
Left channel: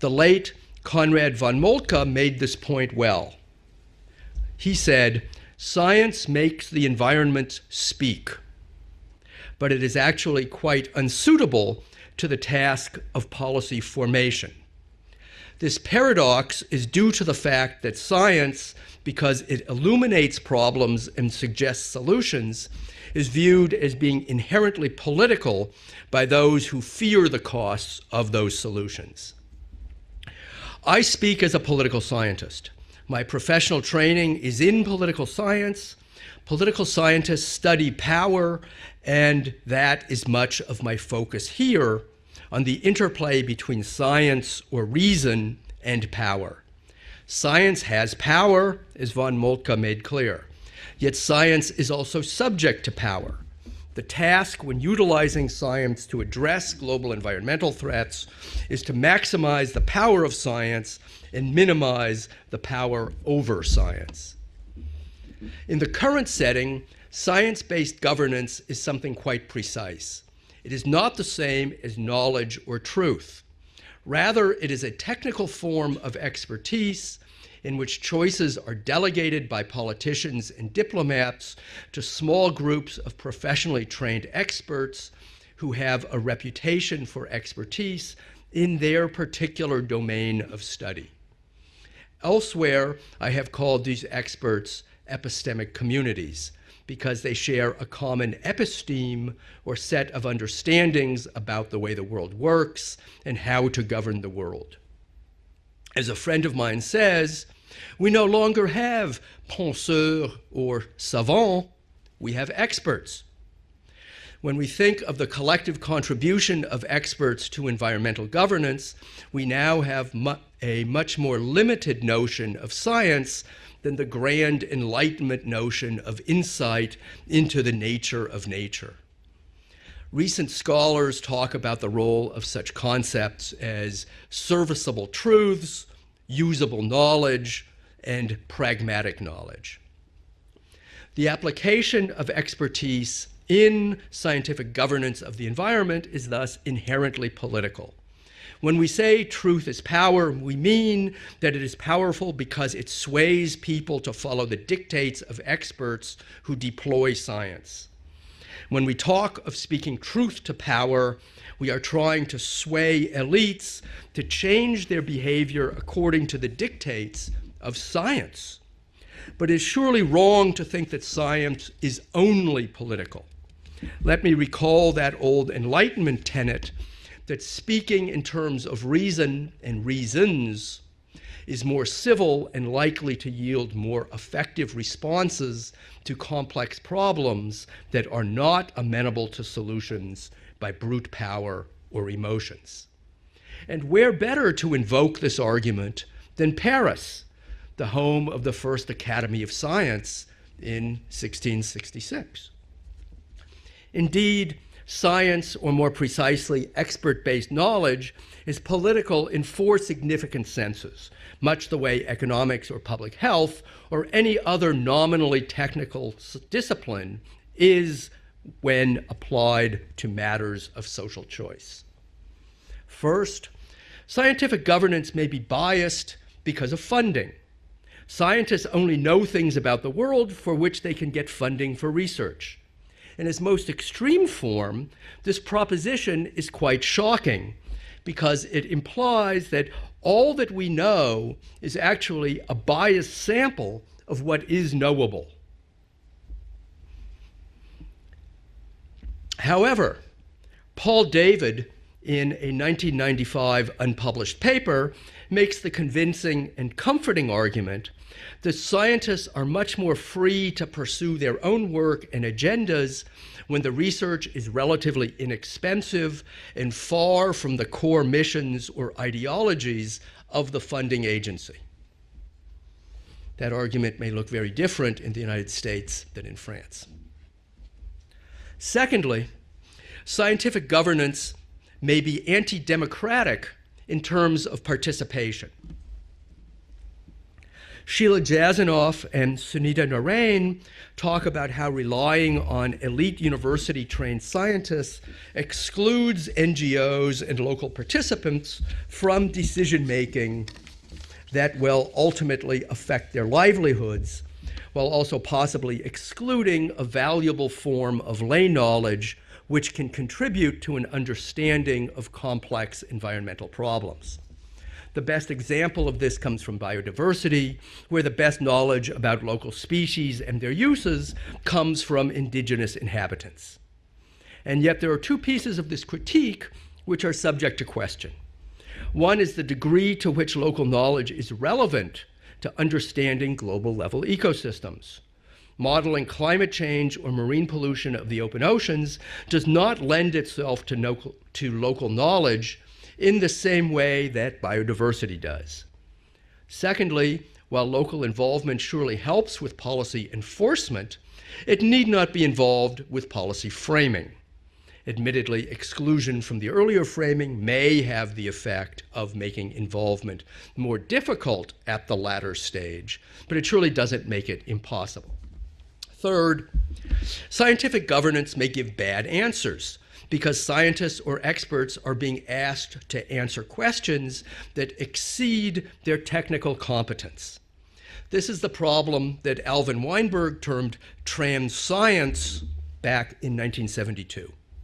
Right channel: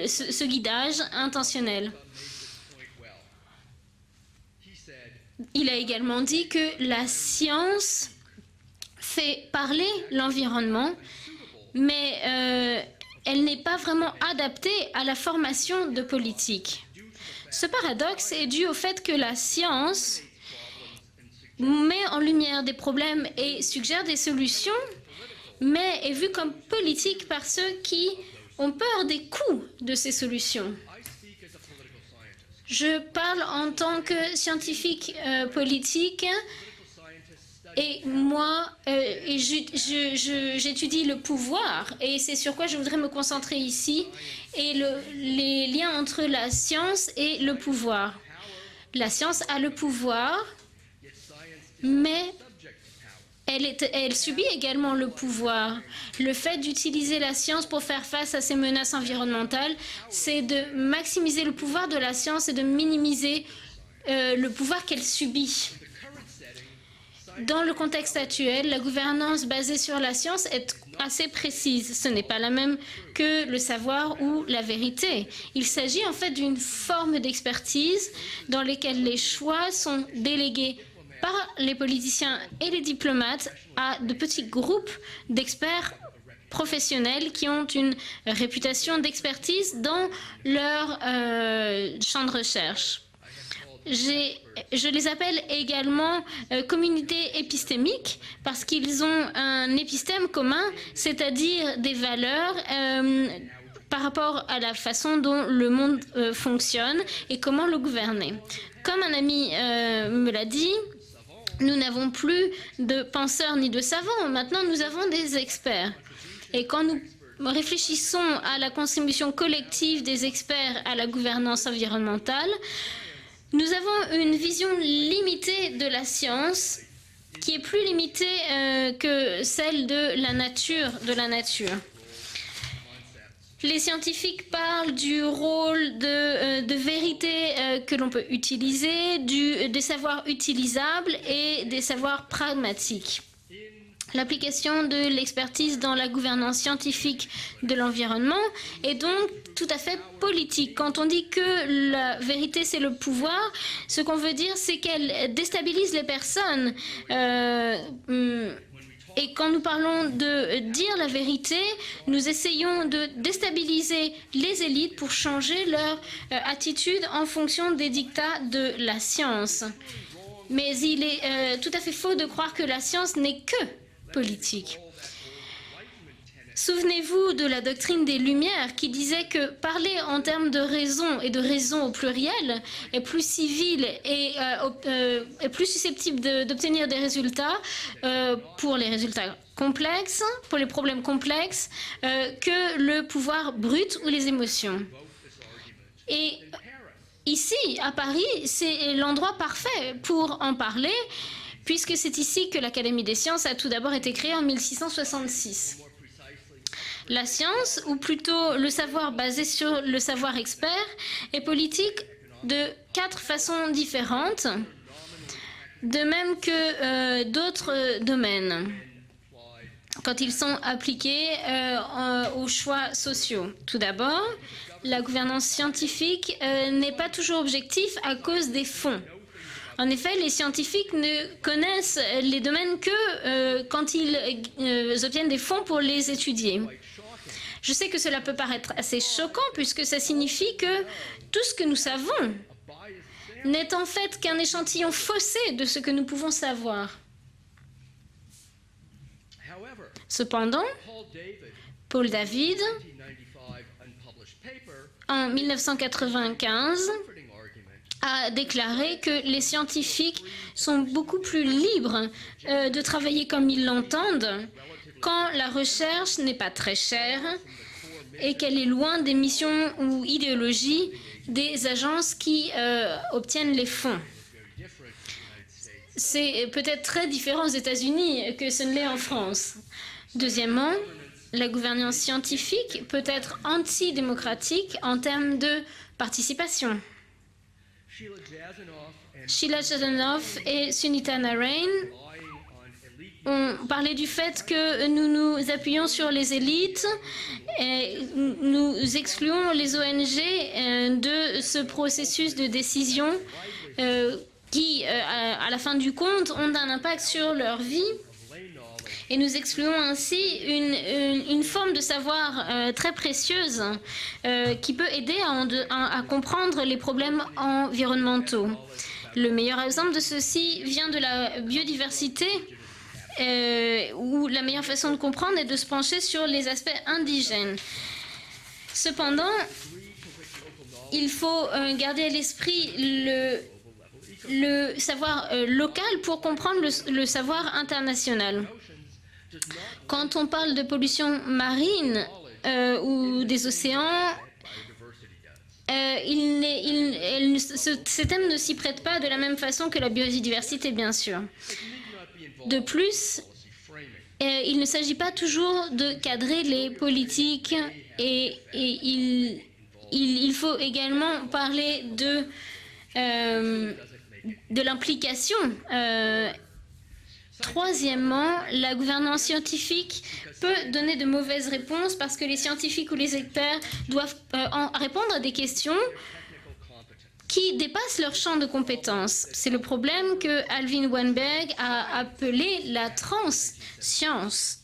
The ce late guidage Conrad von intentionnel. Moltke made this point well. He said, Il a science également dit makes que the la environment science speak, fait but parler it is actually quite l'environnement, unsuitable mais to the task of elle n'est policy pas vraiment formation. adaptée à la formation This de paradox politique. is due to the fact that paradoxe est science, dû au fait que la because it science illuminates problems and suggests met en lumière solutions, des problèmes is et viewed as suggère being des solutions, inherently political mais est by vue comme those who politique fear the par ceux costs qui of those ont peur des solutions. coûts de ces solutions. I speak as a political scientist. Je My parle professional en tant training que is in scientifique political science. politique. Political scientists study Et power, moi, and that is much of my j'étudie le focus pouvoir, here et c'est sur on quoi je the voudrais me interplay concentrer between ici, science et or reason les liens and entre power. la science et Science le pouvoir. has power, La as von science a le Moltke made clear. pouvoir, Yet science is also mais subject to power. elle The subit task when également le utilizing pouvoir. science to Le fait address global d'utiliser la science environmental pour faire threats face à ces is menaces to maximize environnementales, the power of c'est de science maximiser and le pouvoir de la minimize science et the de power minimiser over science. le pouvoir qu'elle subit. In the current setting, Dans le science-based contexte governance actuel, la is something gouvernance quite basée sur la precise. science It est is not assez the same précise. as Ce n'est pas la knowledge même or truth. que le savoir Rather, ou la it is a vérité. technical Il form s'agit en of fait d'une expertise forme in which d'expertise choices dans are lesquelles les delegated by choix sont politicians and délégués diplomats par les to politiciens small et les groups of diplomates professionally à de trained petits groupes experts who d'experts have a reputation for professionnels qui ont une expertise in réputation their d'expertise particular dans domain of leur study. champ de Elsewhere, recherche. I have called these experts Je les appelle epistemic également communities communautés because they share a épistémiques common parce qu'ils ont episteme un or set épistème of commun, understandings about c'est-à-dire the way des the world valeurs works and how to par govern the rapport à world. la façon dont le monde As a friend of mine fonctionne says, et comment le We gouverner. no longer Comme have un ami penseurs me l'a dit, or savants. nous n'avons plus have de experts. penseurs ni de savants. When Maintenant, we nous think avons of the des collective experts. contribution Et quand of experts nous to réfléchissons environmental à la governance, contribution we now collective have des experts a à la much more gouvernance limited notion environnementale, of science nous than avons the une grand vision enlightenment limitée de notion la of science insight qui into est the plus nature limitée of nature. que celle de la Recent nature. scholars De la talk nature. about the role of such concepts Les as scientifiques parlent serviceable du truths, rôle de usable vérité knowledge, que l'on peut and utiliser, pragmatic knowledge. des savoirs utilisables The et des application savoirs of pragmatiques. expertise in scientific L'application de governance of the l'expertise dans la environment is gouvernance thus inherently scientifique de political. l'environnement When we est say donc truth tout à is fait power, we politique. Quand on mean dit que that it is la powerful vérité because c'est it le sways pouvoir, people ce to qu'on veut follow dire the c'est qu'elle dictates of déstabilise les experts who personnes. deploy science. When we Et talk quand of nous speaking parlons truth de to dire la power, vérité, we are trying nous to essayons sway de elites déstabiliser to les change élites their pour changer behavior leur according to the attitude en dictates fonction of des dictats science. de la science. But it's surely wrong to Mais think il that est science tout à fait is faux de croire only que la science political. n'est n'est que Let me politique. recall that old Enlightenment tenet Souvenez-vous de la that doctrine speaking des in terms Lumières of qui disait reason que and parler en termes de reasons raison et de is raison more au civil pluriel and est likely plus to civil yield more et effective responses plus to susceptible complex d'obtenir des problems résultats that are not pour les amenable résultats to solutions complexes, pour les by problèmes brute power complexes, or emotions. que le pouvoir brut And ou where les better to émotions. invoke this argument Et than Paris, ici, the à home Paris, of the first c'est l'endroit Academy of parfait Science pour en parler, in puisque c'est 1666. ici que l'Académie des sciences a tout d'abord été créée en Indeed, science, 1666. or more precisely, La expert-based science, ou knowledge, plutôt is le savoir political basé in sur four le savoir significant expert, senses, est much the way politique economics de or public quatre health façons or any différentes, other nominally technical de même que discipline d'autres is domaines, when applied to quand ils matters sont of social appliqués choice. aux choix First, sociaux. Tout d'abord, Scientific la governance may be gouvernance biased scientifique because of n'est pas funding. toujours objectif à cause des Scientists only fonds. know things about En the effet, les world for which scientifiques they can ne get funding for connaissent les research. domaines que In its most quand extreme ils form, obtiennent des this fonds pour les proposition is étudier. quite shocking Je sais que cela peut because paraître it assez implies choquant puisque ça that all signifie that we que know tout ce que nous is savons actually a biased sample n'est en fait of qu'un what is échantillon knowable. faussé de ce que nous pouvons savoir. However, Cependant, Paul David, Paul in a David, 1995 unpublished paper, en makes the convincing and 1995, comforting argument a that déclaré que scientists les are much more scientifiques free to sont pursue beaucoup their plus own libres work and de agendas travailler comme when ils the research l'entendent is relatively quand la recherche inexpensive n'est pas très and chère far from the core et missions qu'elle est or loin des missions ideologies ou of the idéologies funding agency. des agences qui obtiennent That les argument fonds. may look very different in the United States than C'est in France. peut-être très différent aux États-Unis que ce n'est en Secondly, France. Scientific Deuxièmement, governance la gouvernance may be scientifique peut anti-democratic être in terms of antidémocratique en termes participation. de participation. Sheila Jasanoff and Sheila Sunita Jasanoff Narain et Sunita talk about how Narain relying on elite ont parlé du university-trained fait que scientists nous nous appuyons sur excludes les élites NGOs and local et participants nous from excluons les decision-making ONG de that ce will processus de ultimately décision affect their livelihoods, qui, while also à la fin possibly du compte, ont excluding un a impact sur valuable leur vie. form of lay knowledge Et nous which excluons can ainsi contribute to an une forme de understanding of savoir complex très environmental précieuse problems. qui peut The aider best example of à this comes from comprendre les problèmes biodiversity, where the best environnementaux. knowledge about Le local meilleur exemple de species and ceci their vient de uses la comes from biodiversité, indigenous inhabitants. où la And meilleure yet façon there de are two comprendre est de pieces se of this pencher sur les critique aspects which are subject indigènes. to question. One Cependant, is the degree to which local knowledge il is faut relevant garder à to l'esprit understanding le global level le ecosystems. savoir local Modeling pour climate comprendre change le or marine savoir pollution of the international. open oceans does not lend Quand on parle de itself to pollution local marine knowledge ou in the des same way océans, that biodiversity does. Secondly, while local ces thèmes ne s'y involvement prêtent surely pas de la helps même with façon que la policy biodiversité, bien enforcement, sûr. it need not be involved plus, with policy framing. Il ne s'agit pas Admittedly, toujours de exclusion cadrer from the les earlier framing politiques may have the et effect of making involvement il faut more également difficult parler at the de, latter stage, but it surely doesn't make it de impossible. l'implication. Third, scientific governance may la give bad gouvernance answers scientifique because peut donner scientists de or mauvaises experts réponses are parce being que les asked scientifiques ou to les answer experts questions doivent that répondre à des exceed questions their technical competence. qui dépassent leur This champ is de the problem compétences. that C'est le Alvin problème Weinberg que Alvin termed Weinberg a trans-science appelé la back in 1972. trans-science.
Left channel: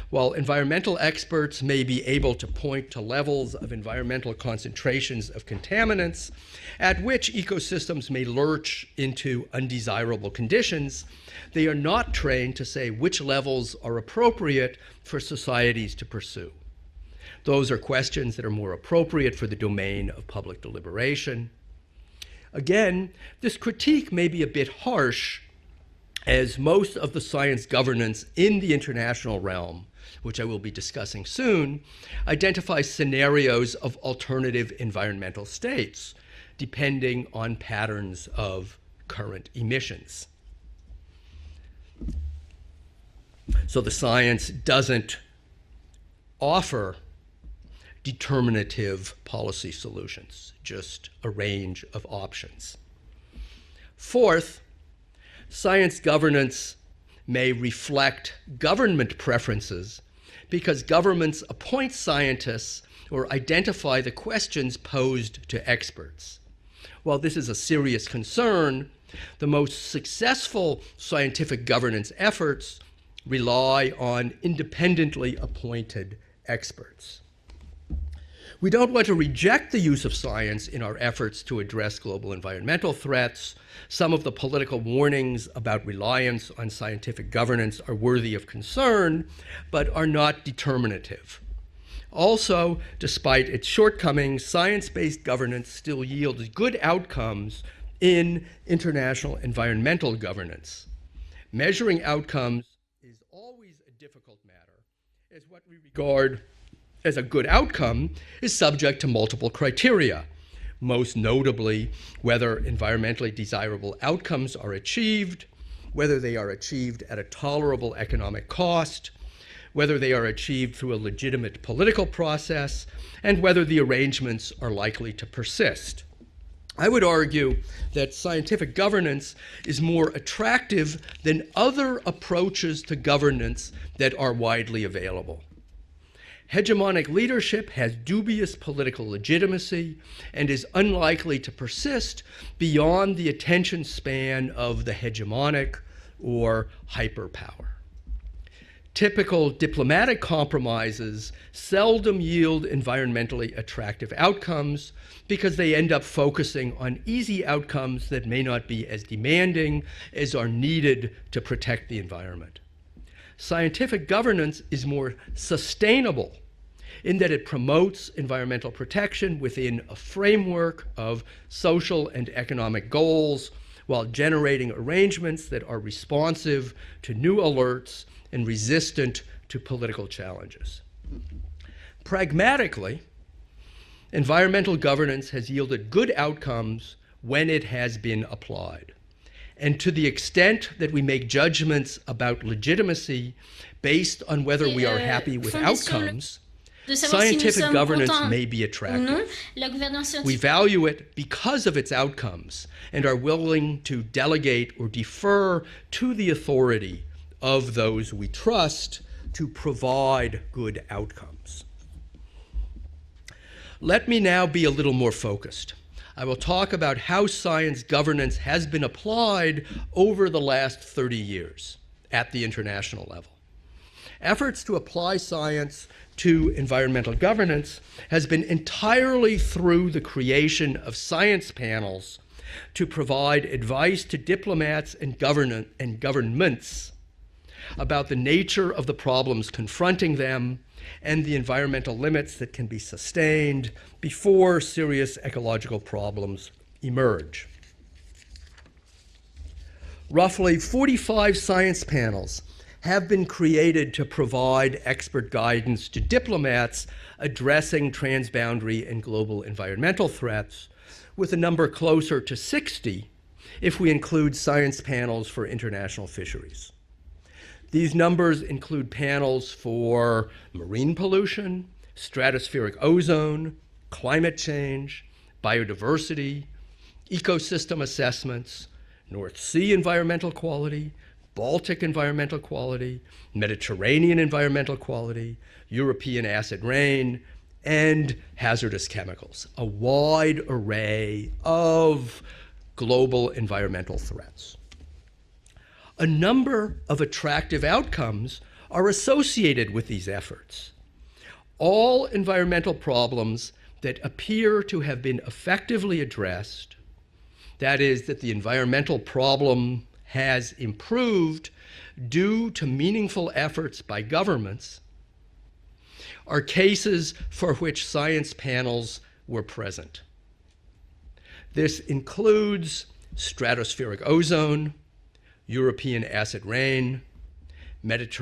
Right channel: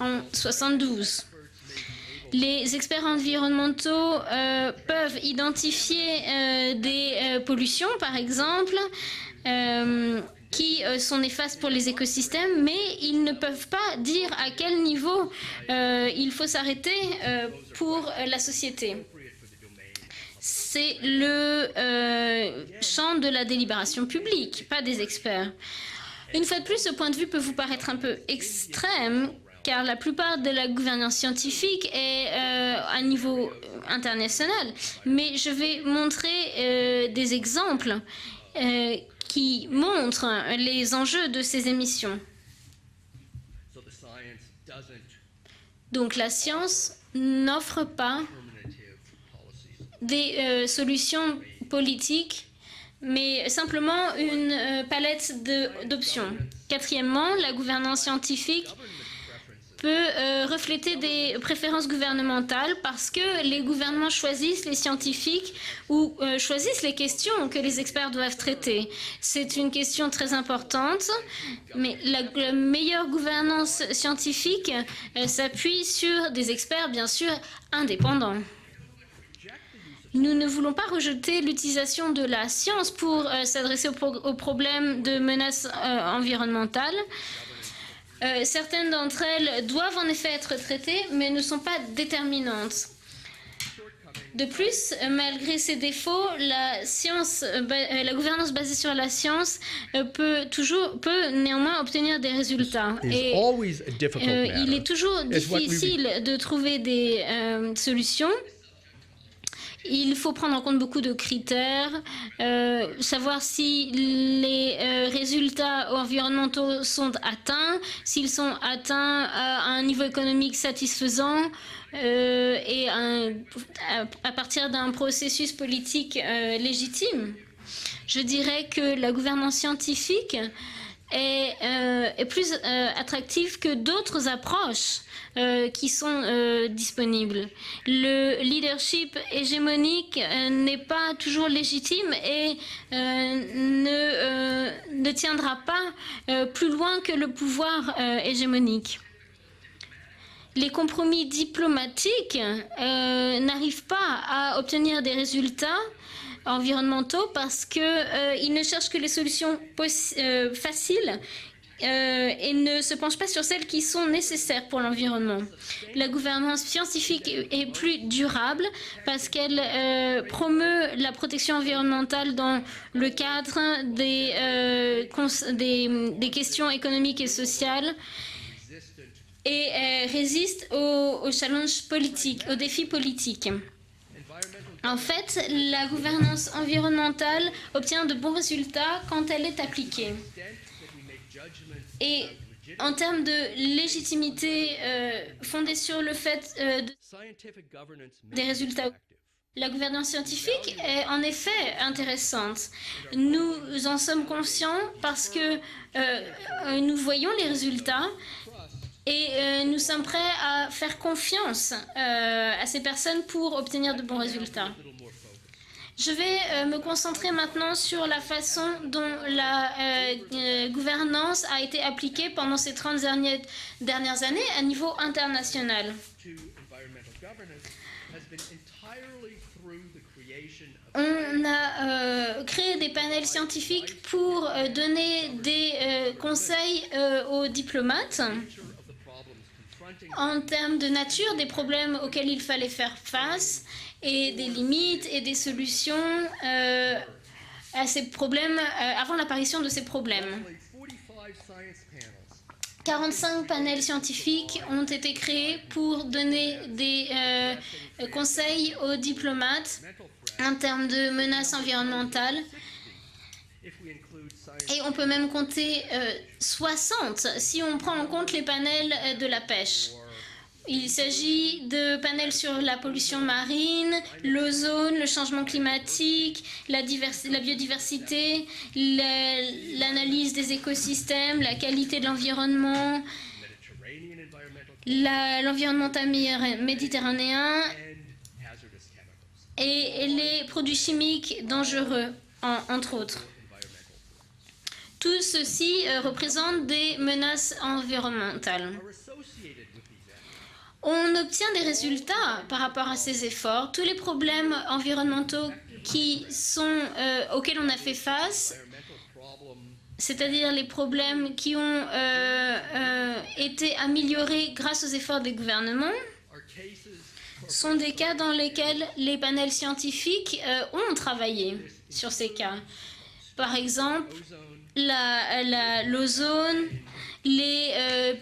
While environmental 72. experts may be able to Les point to experts levels of environnementaux environmental peuvent concentrations of identifier contaminants at which des pollutions, ecosystems par may exemple, lurch into undesirable qui conditions, sont néfastes they pour are les not écosystèmes, trained to mais say which ils ne peuvent levels pas are dire à appropriate quel niveau for societies to il faut pursue. s'arrêter Those are pour questions la that are more société. appropriate for the domain of public C'est deliberation. le Again, champ de la this délibération critique may be a publique, bit pas des harsh, experts. as Une fois de plus, most ce point of de the vue peut vous science paraître un peu governance in the international extrême, realm, car la plupart which I de will la be gouvernance discussing scientifique soon, est identify à scenarios niveau of international. alternative Mais environmental je vais states, montrer depending des on exemples patterns of current qui emissions. montrent les enjeux de ces émissions. So the science doesn't Donc la science offer n'offre pas determinative policy solutions, des just solutions a range of politiques, options. mais simplement Fourth, une palette science d'options. governance Quatrièmement, may la gouvernance reflect scientifique government preferences peut because refléter governments des préférences appoint gouvernementales scientists parce or que les identify gouvernements the choisissent les questions posed scientifiques to experts. ou choisissent les While this questions is a que les serious experts doivent concern, traiter. C'est the une most question très successful importante. scientific governance La efforts meilleure rely gouvernance on scientifique independently s'appuie sur appointed des experts, experts. bien sûr, indépendants. We don't want to reject the use of Nous ne science voulons in pas our efforts rejeter to address l'utilisation de global la environmental science political pour threats, s'adresser some aux of the political problèmes de warnings menaces about reliance on environnementales. scientific governance are worthy of Certaines concern, d'entre elles but doivent en are effet not être traitées, determinative. mais ne sont pas Also, déterminantes. despite its shortcomings, De plus, science-based malgré governance ses still défauts, yields la good science, outcomes la in gouvernance basée sur la international science environmental governance. peut néanmoins Measuring obtenir des outcomes résultats. is Et always a difficult il matter, est toujours as what we difficile regard de trouver des as a good outcome solutions. is subject to multiple criteria. Il faut prendre en compte beaucoup de Most notably, critères, whether environmentally savoir si desirable outcomes are les achieved, résultats whether they are environnementaux achieved sont at a atteints, tolerable s'ils economic sont cost, atteints à un whether niveau they are économique achieved through a satisfaisant legitimate political process, et and whether the à arrangements partir are d'un likely to processus persist. politique I would légitime. argue that Je dirais scientific que la governance gouvernance is more scientifique attractive than est, other est plus approaches to attractive governance que that d'autres are widely approches available. qui sont Hegemonic disponibles. leadership has Le dubious leadership political legitimacy hégémonique and is n'est pas unlikely toujours to légitime persist et beyond the attention ne, span of the ne tiendra hegemonic pas or plus loin que le hyperpower. pouvoir hégémonique. Typical diplomatic Les compromis compromises diplomatiques seldom yield environmentally n'arrivent attractive pas à outcomes obtenir des because they résultats end up focusing on environnementaux easy parce que outcomes that may ils not ne be cherchent que les as solutions demanding as are needed faciles to protect the environment. et ne se penchent pas sur celles qui Scientific sont governance nécessaires pour is l'environnement. more La sustainable gouvernance in scientifique that it est plus promotes durable environmental parce protection qu'elle within a promeut framework la of protection social environnementale and dans economic le goals cadre while generating arrangements that are des responsive questions économiques to et new sociales alerts and resistant to et political résiste challenges. aux challenges politiques, aux défis Pragmatically, politiques. Environmental En governance fait, has yielded la good gouvernance outcomes environnementale when it has obtient de been bons applied. résultats quand elle est And to the appliquée. extent that we make judgments Et about en legitimacy termes de based on légitimité whether we are happy with fondée sur le outcomes, fait de savoir si nous scientific sommes governance contents may des be résultats ou attractive. non, la gouvernance We scientifique value it est en because effet of its outcomes intéressante. and are willing Nous en to sommes delegate conscients or parce defer que, to the authority nous voyons les of résultats those we trust et to nous sommes prêts provide à good faire outcomes. confiance à ces personnes pour obtenir Let de me bons now be a résultats. little more focused. Je I vais will talk me about how concentrer maintenant science sur la governance has façon been dont applied la over the last 30 gouvernance years a été at appliquée the pendant ces 30 international dernières années Efforts à to niveau apply science international. to environmental governance has been entirely through the creation of science On a panels créé to des panels provide scientifiques advice to pour diplomats donner and des governments conseils aux about diplomates the nature of the problems confronting en them termes de and nature the des problèmes environmental auxquels limits il that fallait can be faire face sustained et before des limites serious et des ecological solutions problems emerge. à ces problèmes avant l'apparition de ces problèmes. Roughly 45 science panels have been 45 created panels to scientifiques provide ont été expert créés guidance pour to donner diplomats des, addressing conseils transboundary aux and global diplomates environmental en threats, termes de with a menaces number closer to environnementales. 60 if we include science Et on peut même panels for compter international fisheries. 60 si on These prend en compte numbers les panels include de la panels pêche. for Il marine s'agit pollution, de panels sur la stratospheric pollution ozone, marine, climate l'ozone, change, le changement biodiversity, climatique, la ecosystem biodiversité, assessment, North Sea l'analyse environmental des quality, écosystèmes, la Baltic qualité de environmental l'environnement, quality, Mediterranean environmental quality, l'environnement European acid rain, méditerranéen and hazardous chemicals, a et wide les produits array chimiques dangereux, of entre autres. global environmental threats. Tout ceci A number représente des of menaces attractive outcomes environnementales. are associated with these efforts. On obtient des All résultats par environmental rapport à ces problems efforts. Tous les that problèmes appear to have been environnementaux effectively qui addressed, sont, auxquels on a that fait is, that the face, environmental problem has c'est-à-dire les problèmes improved qui ont due to meaningful efforts été by améliorés governments, grâce aux efforts des gouvernements, are cases for sont which des cas science dans lesquels panels les were panels present. scientifiques ont travaillé This sur ces cas. includes stratospheric exemple, ozone, L'ozone, European acid rain, les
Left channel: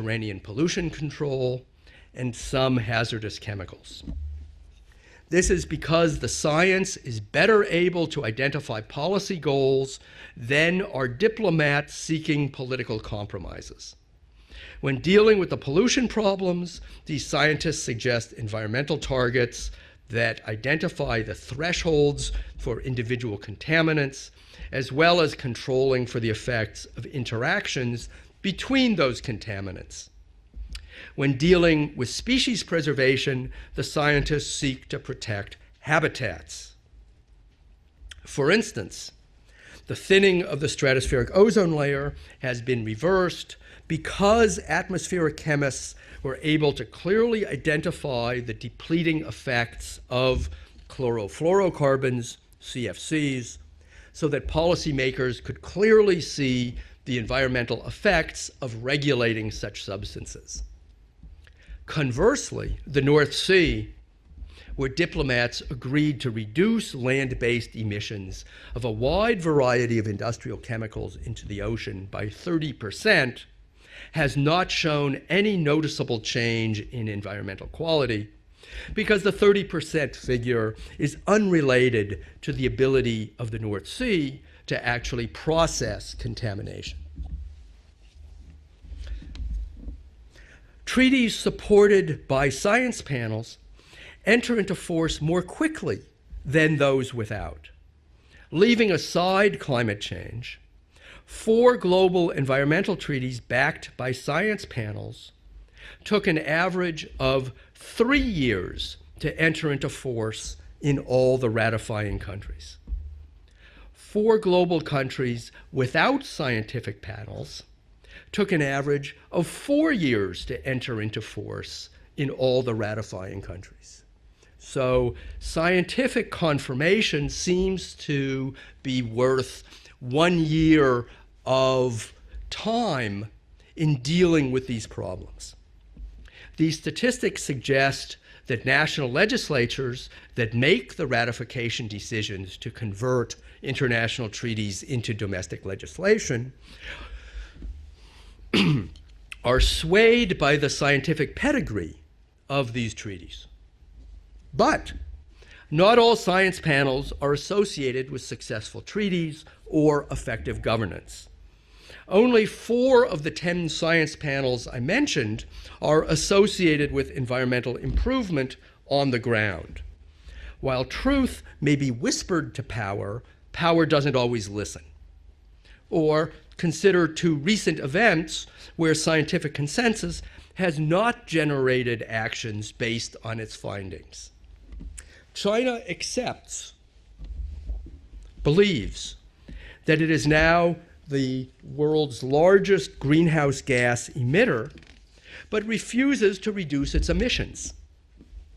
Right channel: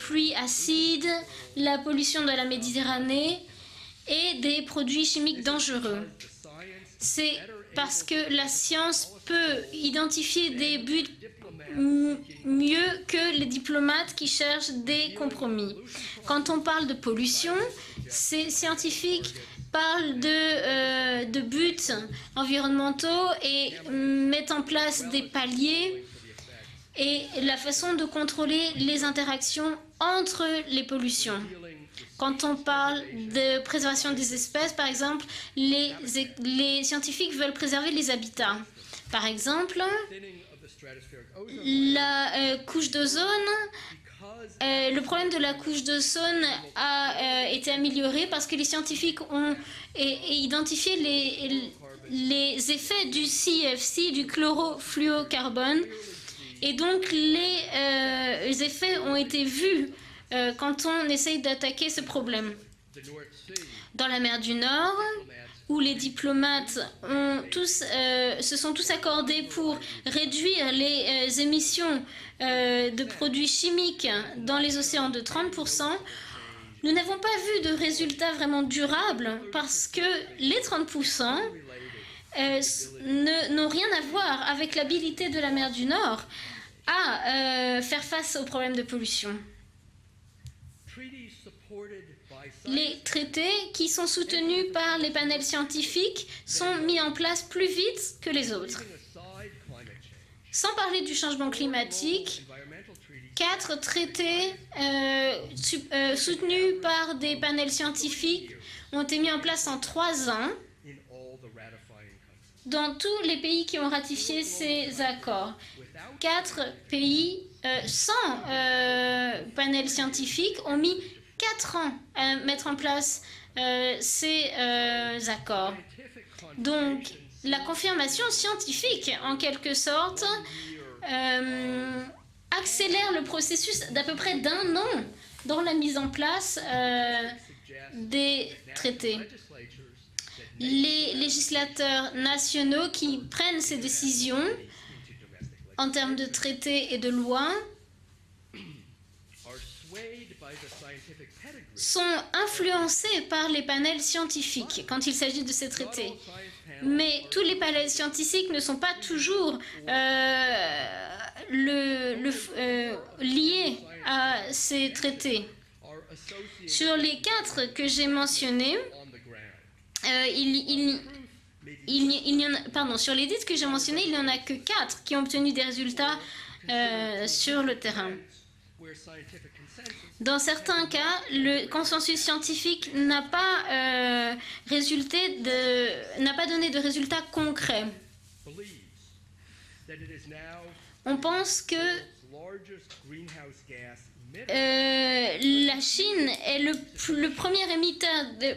pluies Mediterranean pollution acides, control, la pollution de la and some Méditerranée hazardous chemicals. et des produits chimiques This is dangereux. because the science is C'est better parce able que to la identify science policy peut goals identifier than des are buts diplomats seeking mieux political que les compromises. diplomates qui cherchent When des dealing with the compromis. pollution Quand on problems, parle de these pollution, scientists suggest ces environmental scientifiques targets parlent that identify de the buts thresholds for environnementaux individual et contaminants, mettent en place as well des as paliers controlling for the effects of et la façon interactions de contrôler between les those interactions contaminants. entre les pollutions. When dealing with Quand on species parle preservation, de the préservation des scientists espèces, seek par to exemple, protect les habitats. scientifiques veulent préserver les habitats. For instance, Par exemple, the thinning of the stratospheric ozone layer la has been couche reversed d'ozone because le problème atmospheric de la couche chemists d'ozone were able to a clearly été amélioré identify parce que the les depleting scientifiques ont effects of identifié chlorofluorocarbons, les effets du CFCs, CFC, du so that policymakers could chlorofluorocarbone. clearly Et see donc the environmental effects les of effets ont été regulating such vus substances. quand on essaye d'attaquer ce problème. Conversely, the North Sea, Dans la mer du where Nord, diplomats où les agreed to diplomates reduce ont land-based tous, emissions se sont of tous a accordés wide pour variety of industrial réduire chemicals les into the émissions ocean by de 30%, produits chimiques has dans not les océans shown de any 30%, noticeable change nous in n'avons pas vu de environmental quality résultats vraiment durables because the parce 30% que les figure is 30% unrelated to the ability of the n'ont North rien à Sea voir avec to l'habilité actually de la mer du process Nord contamination. à faire face aux problèmes de pollution. Treaties supported by Les science panels traités qui sont enter soutenus into par les force more panels quickly scientifiques than sont mis those en place without. plus vite que les autres. Leaving aside climate change, Sans parler du changement 4 global climatique, environmental treaties 4 backed by traités science panels took an soutenus average par des of panels 3 scientifiques years ont été mis to en place enter en into 3 force ans in all the ratifying countries. dans tous les pays qui ont ratifié 4 global ces countries accords. without 4 scientific pays panels sans took an average of panels 4 years scientifiques to ont mis enter into force 4 ans in à all mettre the en place ratifying countries. ces So, accords. scientific confirmation La seems confirmation to scientifique, be en worth quelque sorte, 1 year of accélère le time processus in d'à peu près dealing with d'un these an problems. dans la mise en place These statistics suggest des that national traités. legislatures that make Les the ratification législateurs decisions to nationaux qui convert prennent ces international décisions treaties into domestic en termes de legislation traités et de lois are swayed by the scientific pedigree. sont of these influencés treaties. par les panels scientifiques But quand il s'agit de ces traités. Not all science panels Mais are tous les panels associated with scientifiques ne sont successful pas treaties toujours or effective governance. le, Only le- 4 of the 10 liés science à panels ces I mentioned traités. are associated Sur with les 4 environmental que j'ai improvement mentionnés, on the ground. Il While truth may be y en whispered a- to pardon, power, sur les 10 que j'ai power mentionnés, doesn't il n'y en a always que listen. 4 qui ont obtenu des résultats Or consider two sur le recent terrain. events where scientific consensus Dans has certains not cas, le generated consensus actions scientifique based n'a on its pas findings. China n'a pas accepts donné de résultats concrets. Believes that it is now On the pense que world's largest greenhouse gas emitter, but La refuses Chine to est reduce its le emissions. premier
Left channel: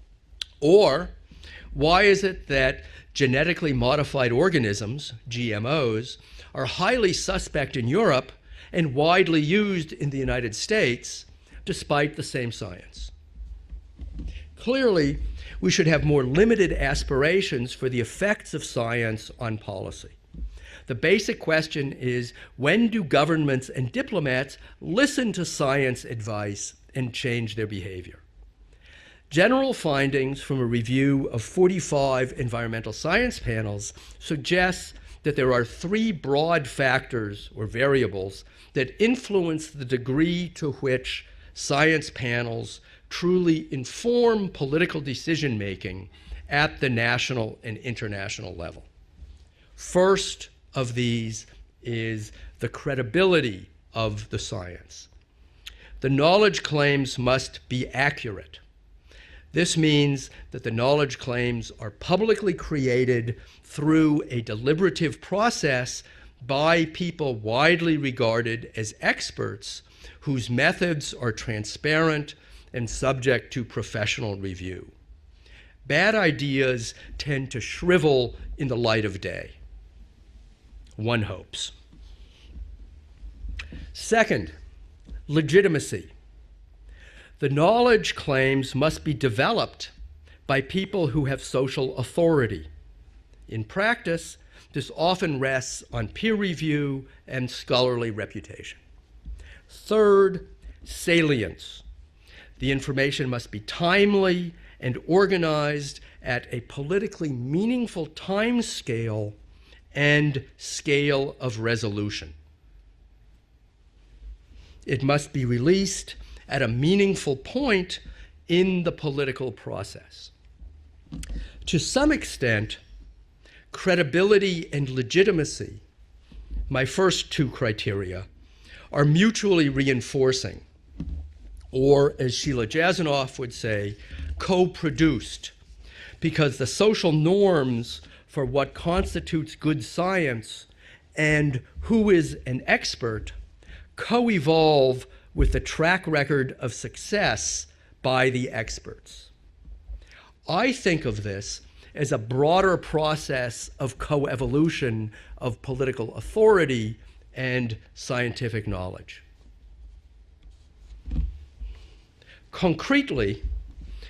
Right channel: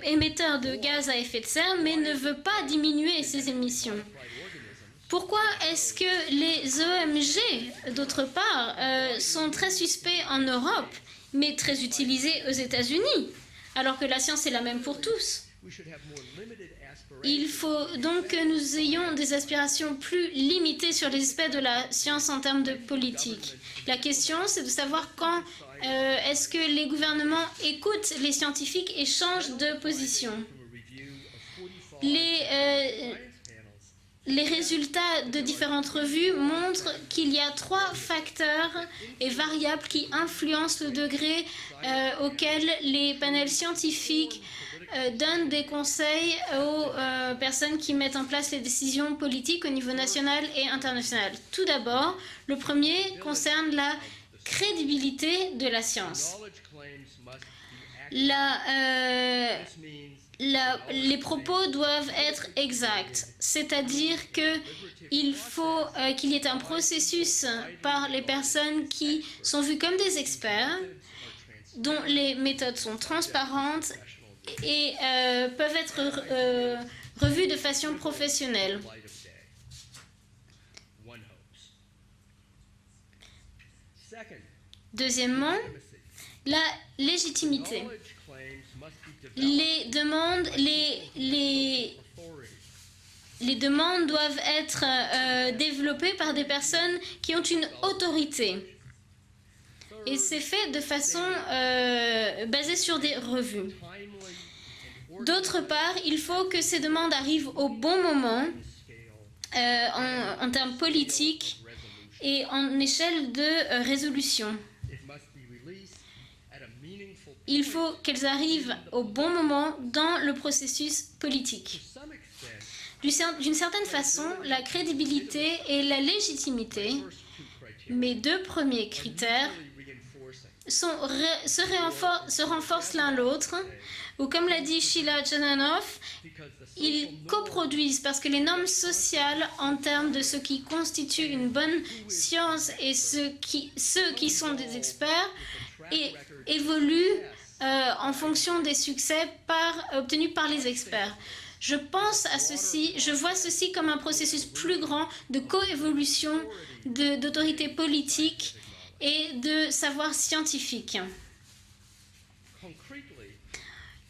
émetteur de Or, gaz à effet de serre, mais why il ne is veut it pas that diminuer ses genetically émissions. modified organisms, Pourquoi GMOs, est-ce que les are highly OMG, suspect in d'autre Europe part, and widely sont très used in the suspects en United Europe, States, mais très despite the utilisés same aux science? États-Unis, alors que la science est la même pour Clearly, tous. we should have more limited Il aspirations faut for the donc que effects of nous ayons des science on aspirations policy. plus limitées The sur basic l'aspect de la question science is, en termes when de do politique. governments and La question, diplomats c'est de savoir listen quand to science est-ce advice que les and gouvernements change their écoutent behavior? les scientifiques et changent General de position. findings from a review of 45 Les, environmental science panels Les suggest résultats that de there are différentes 3 revues broad montrent factors qu'il y a or 3 variables facteurs that et influence variables the qui degree to influencent le which degré science auquel panels les panels truly scientifiques inform political donnent decision des making conseils at aux the national personnes and qui mettent en place international les level. décisions politiques au niveau First national et of international. these Tout d'abord, is le the premier credibility concerne la of the science. crédibilité de la science. The knowledge claims must be accurate. This means that the les knowledge propos claims are doivent publicly être created exacts, through c'est-à-dire a que deliberative il faut, process qu'il y ait un by processus people widely par les regarded personnes as qui experts sont vues comme des whose experts, methods are dont les transparent méthodes and sont subject to transparentes professional review. et peuvent être Bad ideas revues tend de to façon shrivel in professionnelle. the light of day. One hopes. Second, Deuxièmement, legitimacy. la The légitimité. knowledge claims must be Les developed demandes, by people who have social authority. les In demandes practice, doivent être this often rests on développées peer par des personnes review qui ont and une scholarly autorité. reputation. Et Third, c'est fait de façon salient. The basée sur des information must be revues. timely and D'autre organized part, il faut at que a ces demandes politically arrivent au bon meaningful moment time scale en and termes scale politiques of resolution. et en échelle de résolution. It must be released at a meaningful Il faut point qu'elles arrivent in the au bon political moment process. dans le processus politique. To some extent, D'une certaine credibility façon, la and crédibilité legitimacy, et la légitimité, my first 2 mes criteria, 2 premiers are critères, mutually reinforcing, se or renforcent as Sheila l'un Jasanoff would l'autre, say, ou comme l'a dit Sheila co-produced. Jasanoff, because the social ils norms coproduisent, parce que les for normes what sociales constitutes en good termes de ce science qui constitue and une bonne who is an science expert et ceux qui sont des co-evolve experts with the track record of évoluent success en by the fonction des experts. succès obtenus par les I experts. think of this Je as pense a à broader ceci, je vois process ceci comme un of processus plus coevolution grand de of political coévolution authority d'autorité and politique scientific knowledge. et de savoir scientifique. Concretely,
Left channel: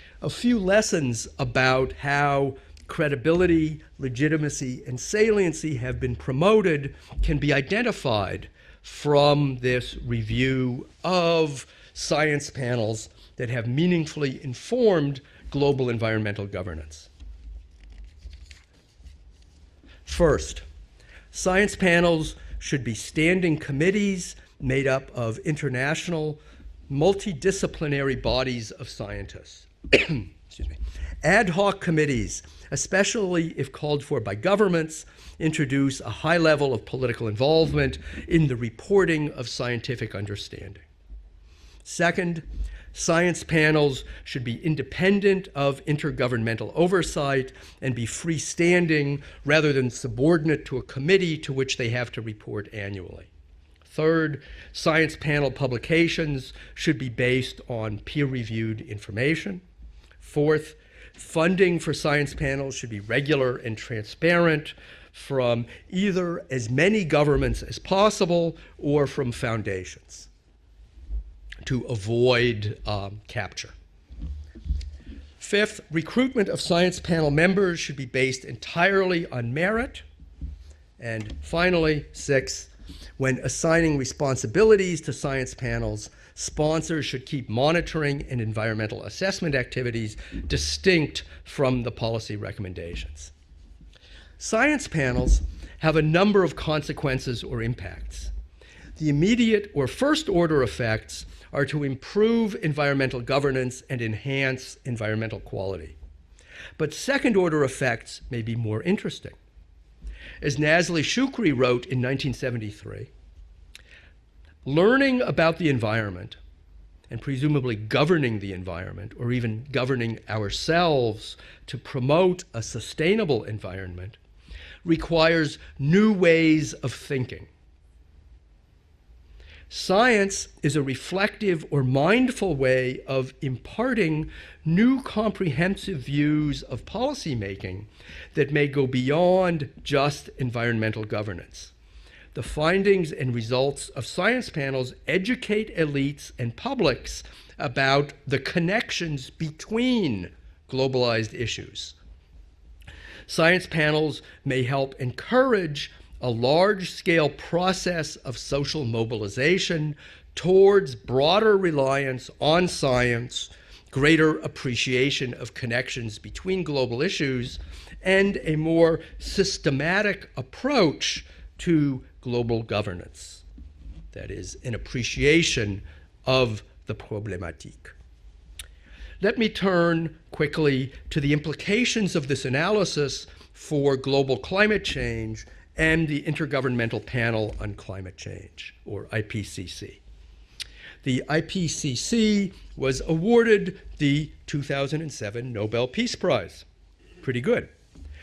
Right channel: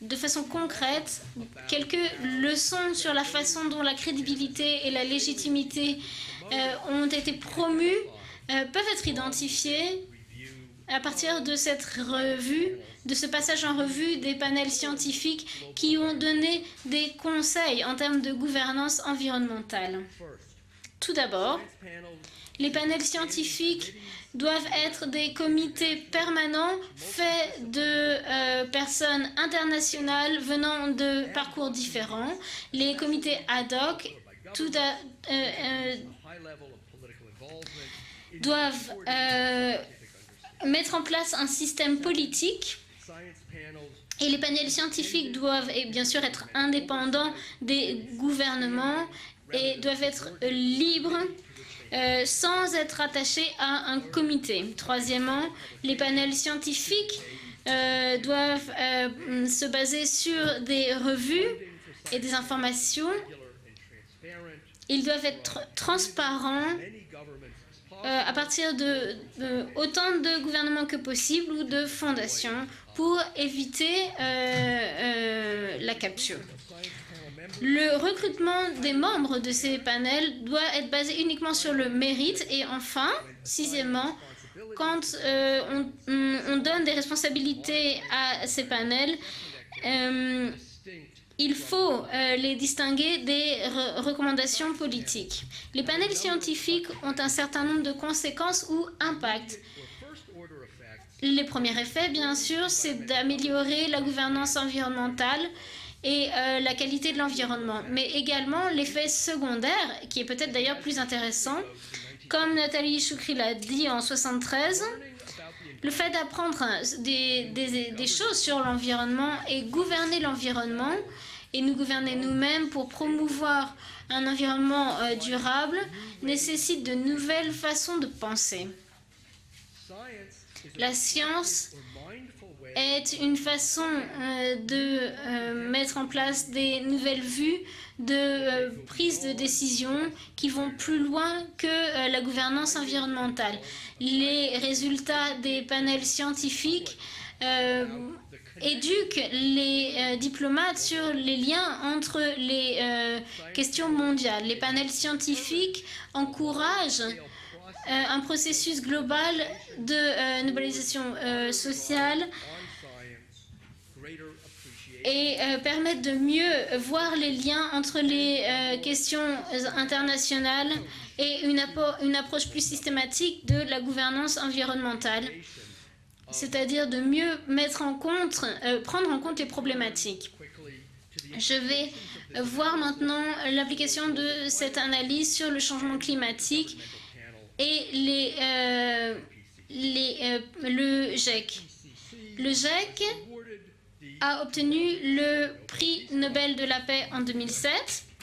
De a façon few concrète, lessons about quelques how leçons sur la credibility, façon dont la crédibilité legitimacy, et and la saliency légitimité have been promoted ont été can be promues, identified peuvent être from identifiées this review à partir de of cette science revue, panels de ce that passage en have revue meaningfully des panels informed scientifiques global qui ont environmental donné governance. des conseils en termes de gouvernance environnementale. First, Tout d'abord, science panels les should be panels standing scientifiques committees doivent made up être des of comités international, permanents multidisciplinary faits bodies of personnes scientists. internationales venant de Ad parcours hoc différents. committees, Les especially comités if ad called hoc for by governments, introduce a high level of political involvement in the doivent, reporting of scientific understanding. mettre en place un système Second, politique. science panels Et les should be panels scientifiques independent doivent, of bien sûr, être intergovernmental indépendants oversight des and be gouvernements freestanding rather et than doivent être subordinate to a libres, committee to which they have to sans report être annually. attachés à un Third, comité. science Troisièmement, panel les panels publications should be scientifiques based on peer-reviewed doivent information. se baser sur Fourth, des revues. Funding for des science panels should be informations. regular and transparent Ils doivent from être either transparents as many governments as à possible partir de or from foundations. autant de gouvernements que possible ou to de fondations avoid, pour capture. éviter Fifth, la recruitment capture. of science panel members Le should be based recrutement des entirely membres on de ces merit. panels doit être basé And uniquement sur finally, le mérite. six, Et enfin, When assigning sixièmement, responsibilities to quand, science panels, on donne des sponsors should keep responsabilités monitoring à and ces environmental panels, assessment activities distinct il from faut the policy les distinguer recommendations. des recommandations Science politiques. panels Les have a panels number of scientifiques ont un consequences certain or nombre de impacts. conséquences ou The impacts. immediate or first order effects Les are premiers to effets, bien improve sûr, c'est environmental governance d'améliorer la and gouvernance enhance environmental environnementale quality. et la But qualité de second order l'environnement. effects Mais may be également more l'effet interesting. secondaire, qui est peut-être As d'ailleurs plus Nazli Shukri intéressant, wrote in comme Nathalie 1973, Shukri l'a dit en 73, learning about the le fait environment d'apprendre and des presumably governing choses the sur environment, or l'environnement et even gouverner governing l'environnement ourselves et nous to gouverner promote a nous-mêmes pour sustainable promouvoir environment un environnement requires durable new ways nécessite of de thinking. nouvelles façons de penser. Science is a La reflective science or mindful way est of une façon imparting de new mettre comprehensive en place views des of nouvelles policy vues making de that may go prise de beyond décision just qui vont environmental plus loin governance. que la The gouvernance findings and environnementale. results of science Les panels résultats des educate panels elites and scientifiques publics about the connections éduquent les between diplomates sur globalized les liens issues. entre les Science questions panels mondiales. Les may panels help scientifiques encourage a encouragent large-scale process un of processus social global mobilization de towards mobilisation broader sociale reliance on science, greater appreciation et of permettre connections de between mieux global voir les issues, liens entre and les a more questions systematic internationales approach et une to approche global plus governance. systématique de la gouvernance That is, an environnementale. appreciation of C'est-à-dire the de mieux problematic. mettre en compte, prendre en Let compte me les turn problématiques. quickly to the Je vais implications of this voir analysis maintenant for l'application global de climate cette analyse change sur le changement and the climatique Intergovernmental Panel on et Climate les, Change, or IPCC. le The GIEC IPCC Le GIEC was awarded the a obtenu 2007 le Nobel prix Peace Nobel Prize. de la paix en Pretty 2007,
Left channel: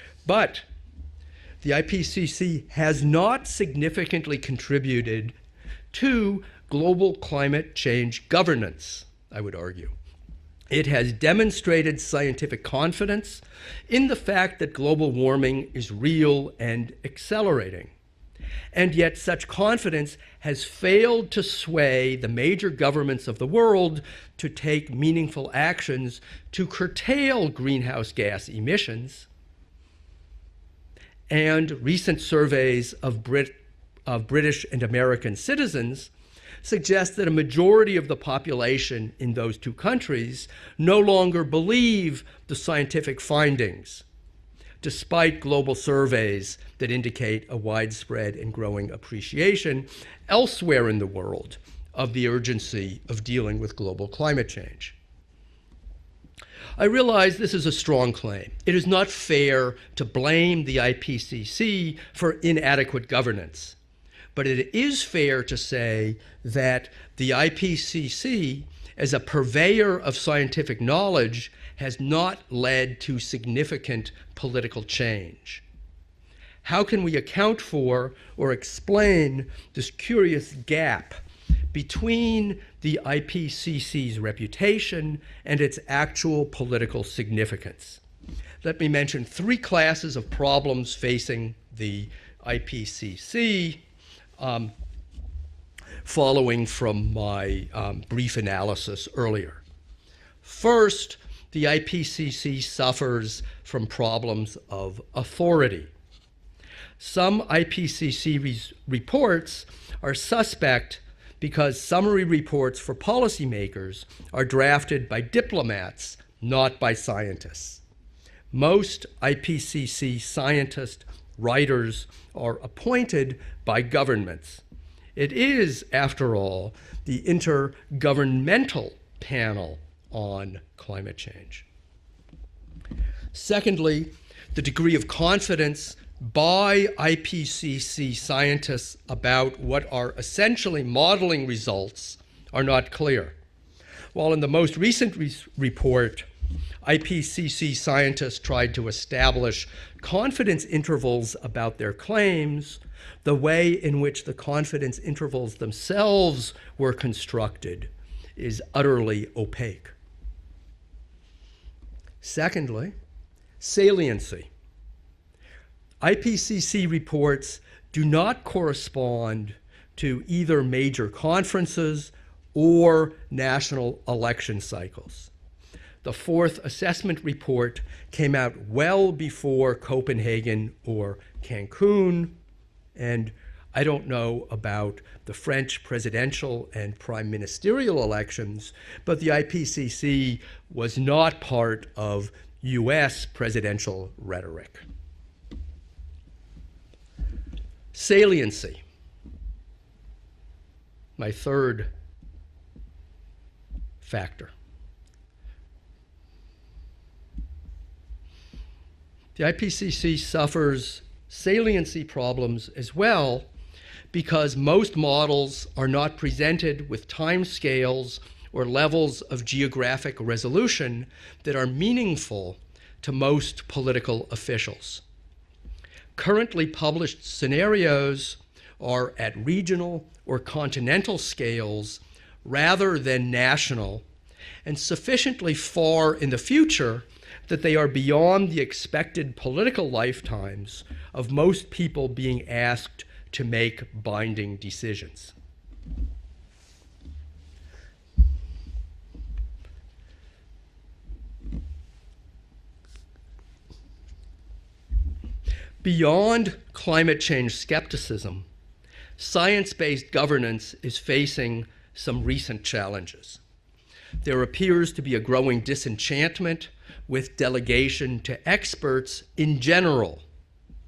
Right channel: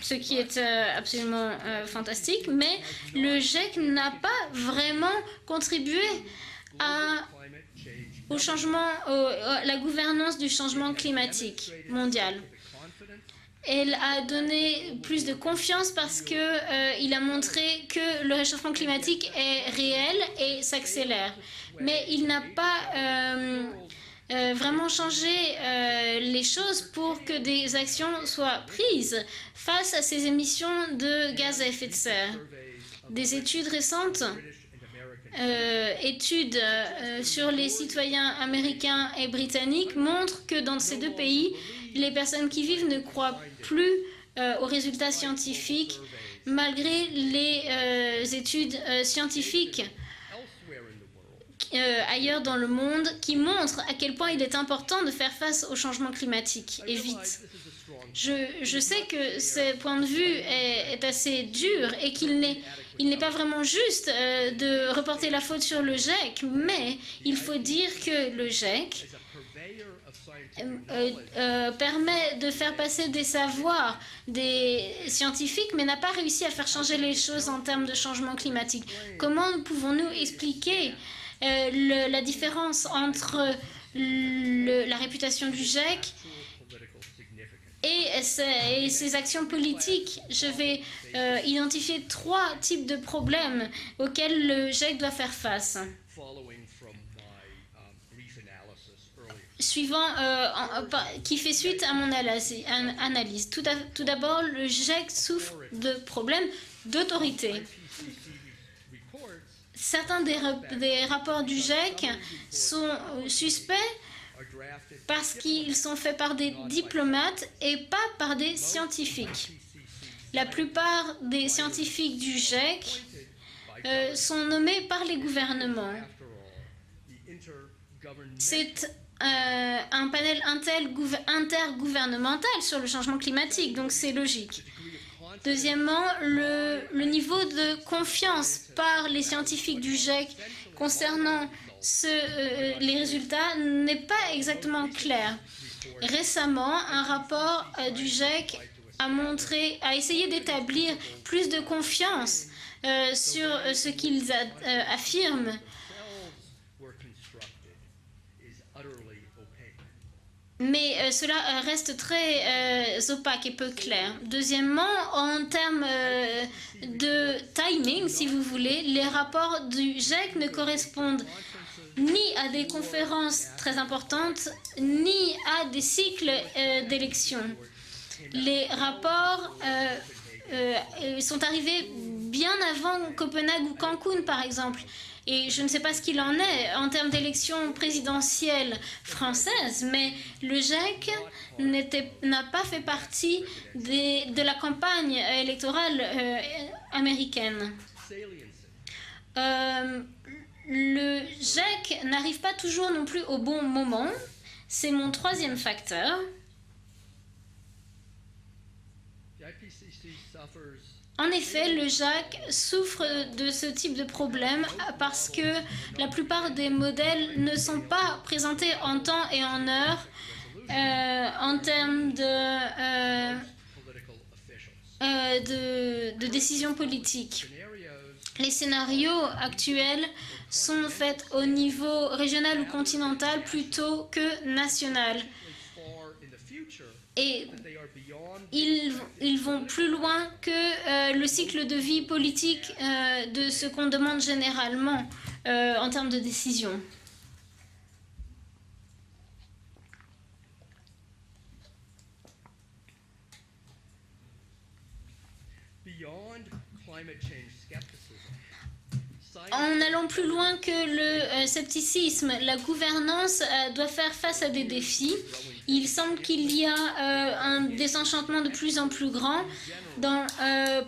ce qui But est absolument The fantastique, IPCC mais has not le GIEC n'a significantly pas contributed vraiment contribué to global à- climate change au governance. changement, I would la argue. gouvernance du changement It has climatique demonstrated mondial. scientific confidence Elle in a the fact donné that global plus de warming confiance is parce real que, and il a montré accelerating. que le réchauffement And yet climatique such est confidence réel et has s'accélère. failed to Mais sway il the n'a major pas, governments of the world to vraiment take changé, meaningful actions les to choses pour que curtail des greenhouse actions gas soient emissions. prises face à ces émissions de gaz à And effet de recent serre. surveys of Des études récentes, British and American citizens études suggest that a sur les majority of the citoyens population américains et in those two britanniques countries montrent que dans ces no deux longer pays, les believe personnes the qui vivent ne scientific croient findings, plus aux résultats despite global scientifiques, surveys that malgré indicate les a widespread and études growing scientifiques appreciation elsewhere in the world of the ailleurs dans le urgency monde of qui dealing with montrent à global quel point il climate est change. important de faire face au changement climatique. I Et vite. realize this is a strong claim. Je It is sais not que fair ce point to de vue blame the est assez IPCC dur et for qu'il n'est inadequate pas vraiment governance. juste But it de is reporter la fair to faute sur le say GIEC, that mais the il faut dire que le IPCC, GIEC as a purveyor of scientific knowledge, has permet not de faire led passer to des savoirs significant political des change. scientifiques, mais n'a pas réussi à faire How changer can we les choses en account termes de for changement or climatique? explain Comment this pouvons-nous curious expliquer gap la between différence the entre IPCC's la reputation réputation and du its GIEC actual political significance? et Let me ses mention actions three politiques? classes of Je problems vais facing identifier the trois types de IPCC, problèmes auxquels le GIEC doit faire face. following from my brief analysis earlier. Suivant, First, qui fait the suite à mon IPCC analyse. suffers Tout from d'abord, problems le of GIEC souffre authority. de problèmes Some d'autorité. IPCC reports are Certains suspect des rapports du because GIEC summary reports sont for policymakers suspects are drafted by parce qu'ils sont diplomats, faits par des not by diplomates scientists. et pas par des Most scientifiques. IPCC La scientists, plupart des writers scientifiques du are GIEC appointed by sont government. nommés par les It is, gouvernements. after all, the intergovernmental C'est panel un panel on climate change. intergouvernemental sur le changement climatique, donc Secondly, c'est logique. the degree of confidence Deuxièmement, by le niveau de IPCC confiance scientists par les about scientifiques what du are GIEC essentially concernant modeling results are les not clear. résultats n'est pas While in the most exactement recent clair. report, Récemment, un IPCC rapport du scientists GIEC tried to a establish essayé confidence d'établir intervals plus de about their confiance, claims, the sur way ce in which qu'ils the confidence affirment. intervals themselves were constructed is utterly opaque. Mais cela reste très Secondly, opaque et peu clair. saliency. Deuxièmement, en termes IPCC de reports timing, do not si vous voulez, les rapports correspond du to GIEC ne either major correspondent conferences ni à des or conférences très national importantes, election cycles. ni à des The cycles fourth assessment d'élections. report came out Les well rapports, before Copenhagen or sont arrivés Cancun, bien avant and Copenhague ou I don't Cancun, know par exemple. about the Et je ne French sais pas ce qu'il en presidential est en and termes prime d'élections ministerial présidentielles elections, but the françaises, mais IPCC le was GIEC not part of n'a pas fait US partie presidential de la rhetoric. campagne électorale américaine. Saliency. Le My third GIEC n'arrive pas toujours non plus au bon moment. factor. C'est mon troisième facteur. The IPCC suffers En effet, le saliency GIEC problems as souffre well de ce type de because problème most parce models que are la not plupart des presented with modèles time ne sont scales pas or présentés en levels temps et of en heure, geographic resolution en that are termes meaningful to most political officials. de Currently décisions published politiques. scenarios Les are scénarios at regional actuels or continental sont faits au niveau scales régional rather ou than continental national plutôt que and national. sufficiently far in the future Et that they are beyond the ils expected vont political plus loin lifetimes que le of cycle most de vie people being politique asked to de ce make qu'on demande binding généralement decisions. en termes de décision. Beyond climate change skepticism, En allant science-based plus loin governance que is le facing some scepticisme, la recent challenges. gouvernance doit faire face There à des appears to be a défis. growing Il semble disenchantment qu'il y a with un delegation désenchantement to de plus en plus experts grand in general.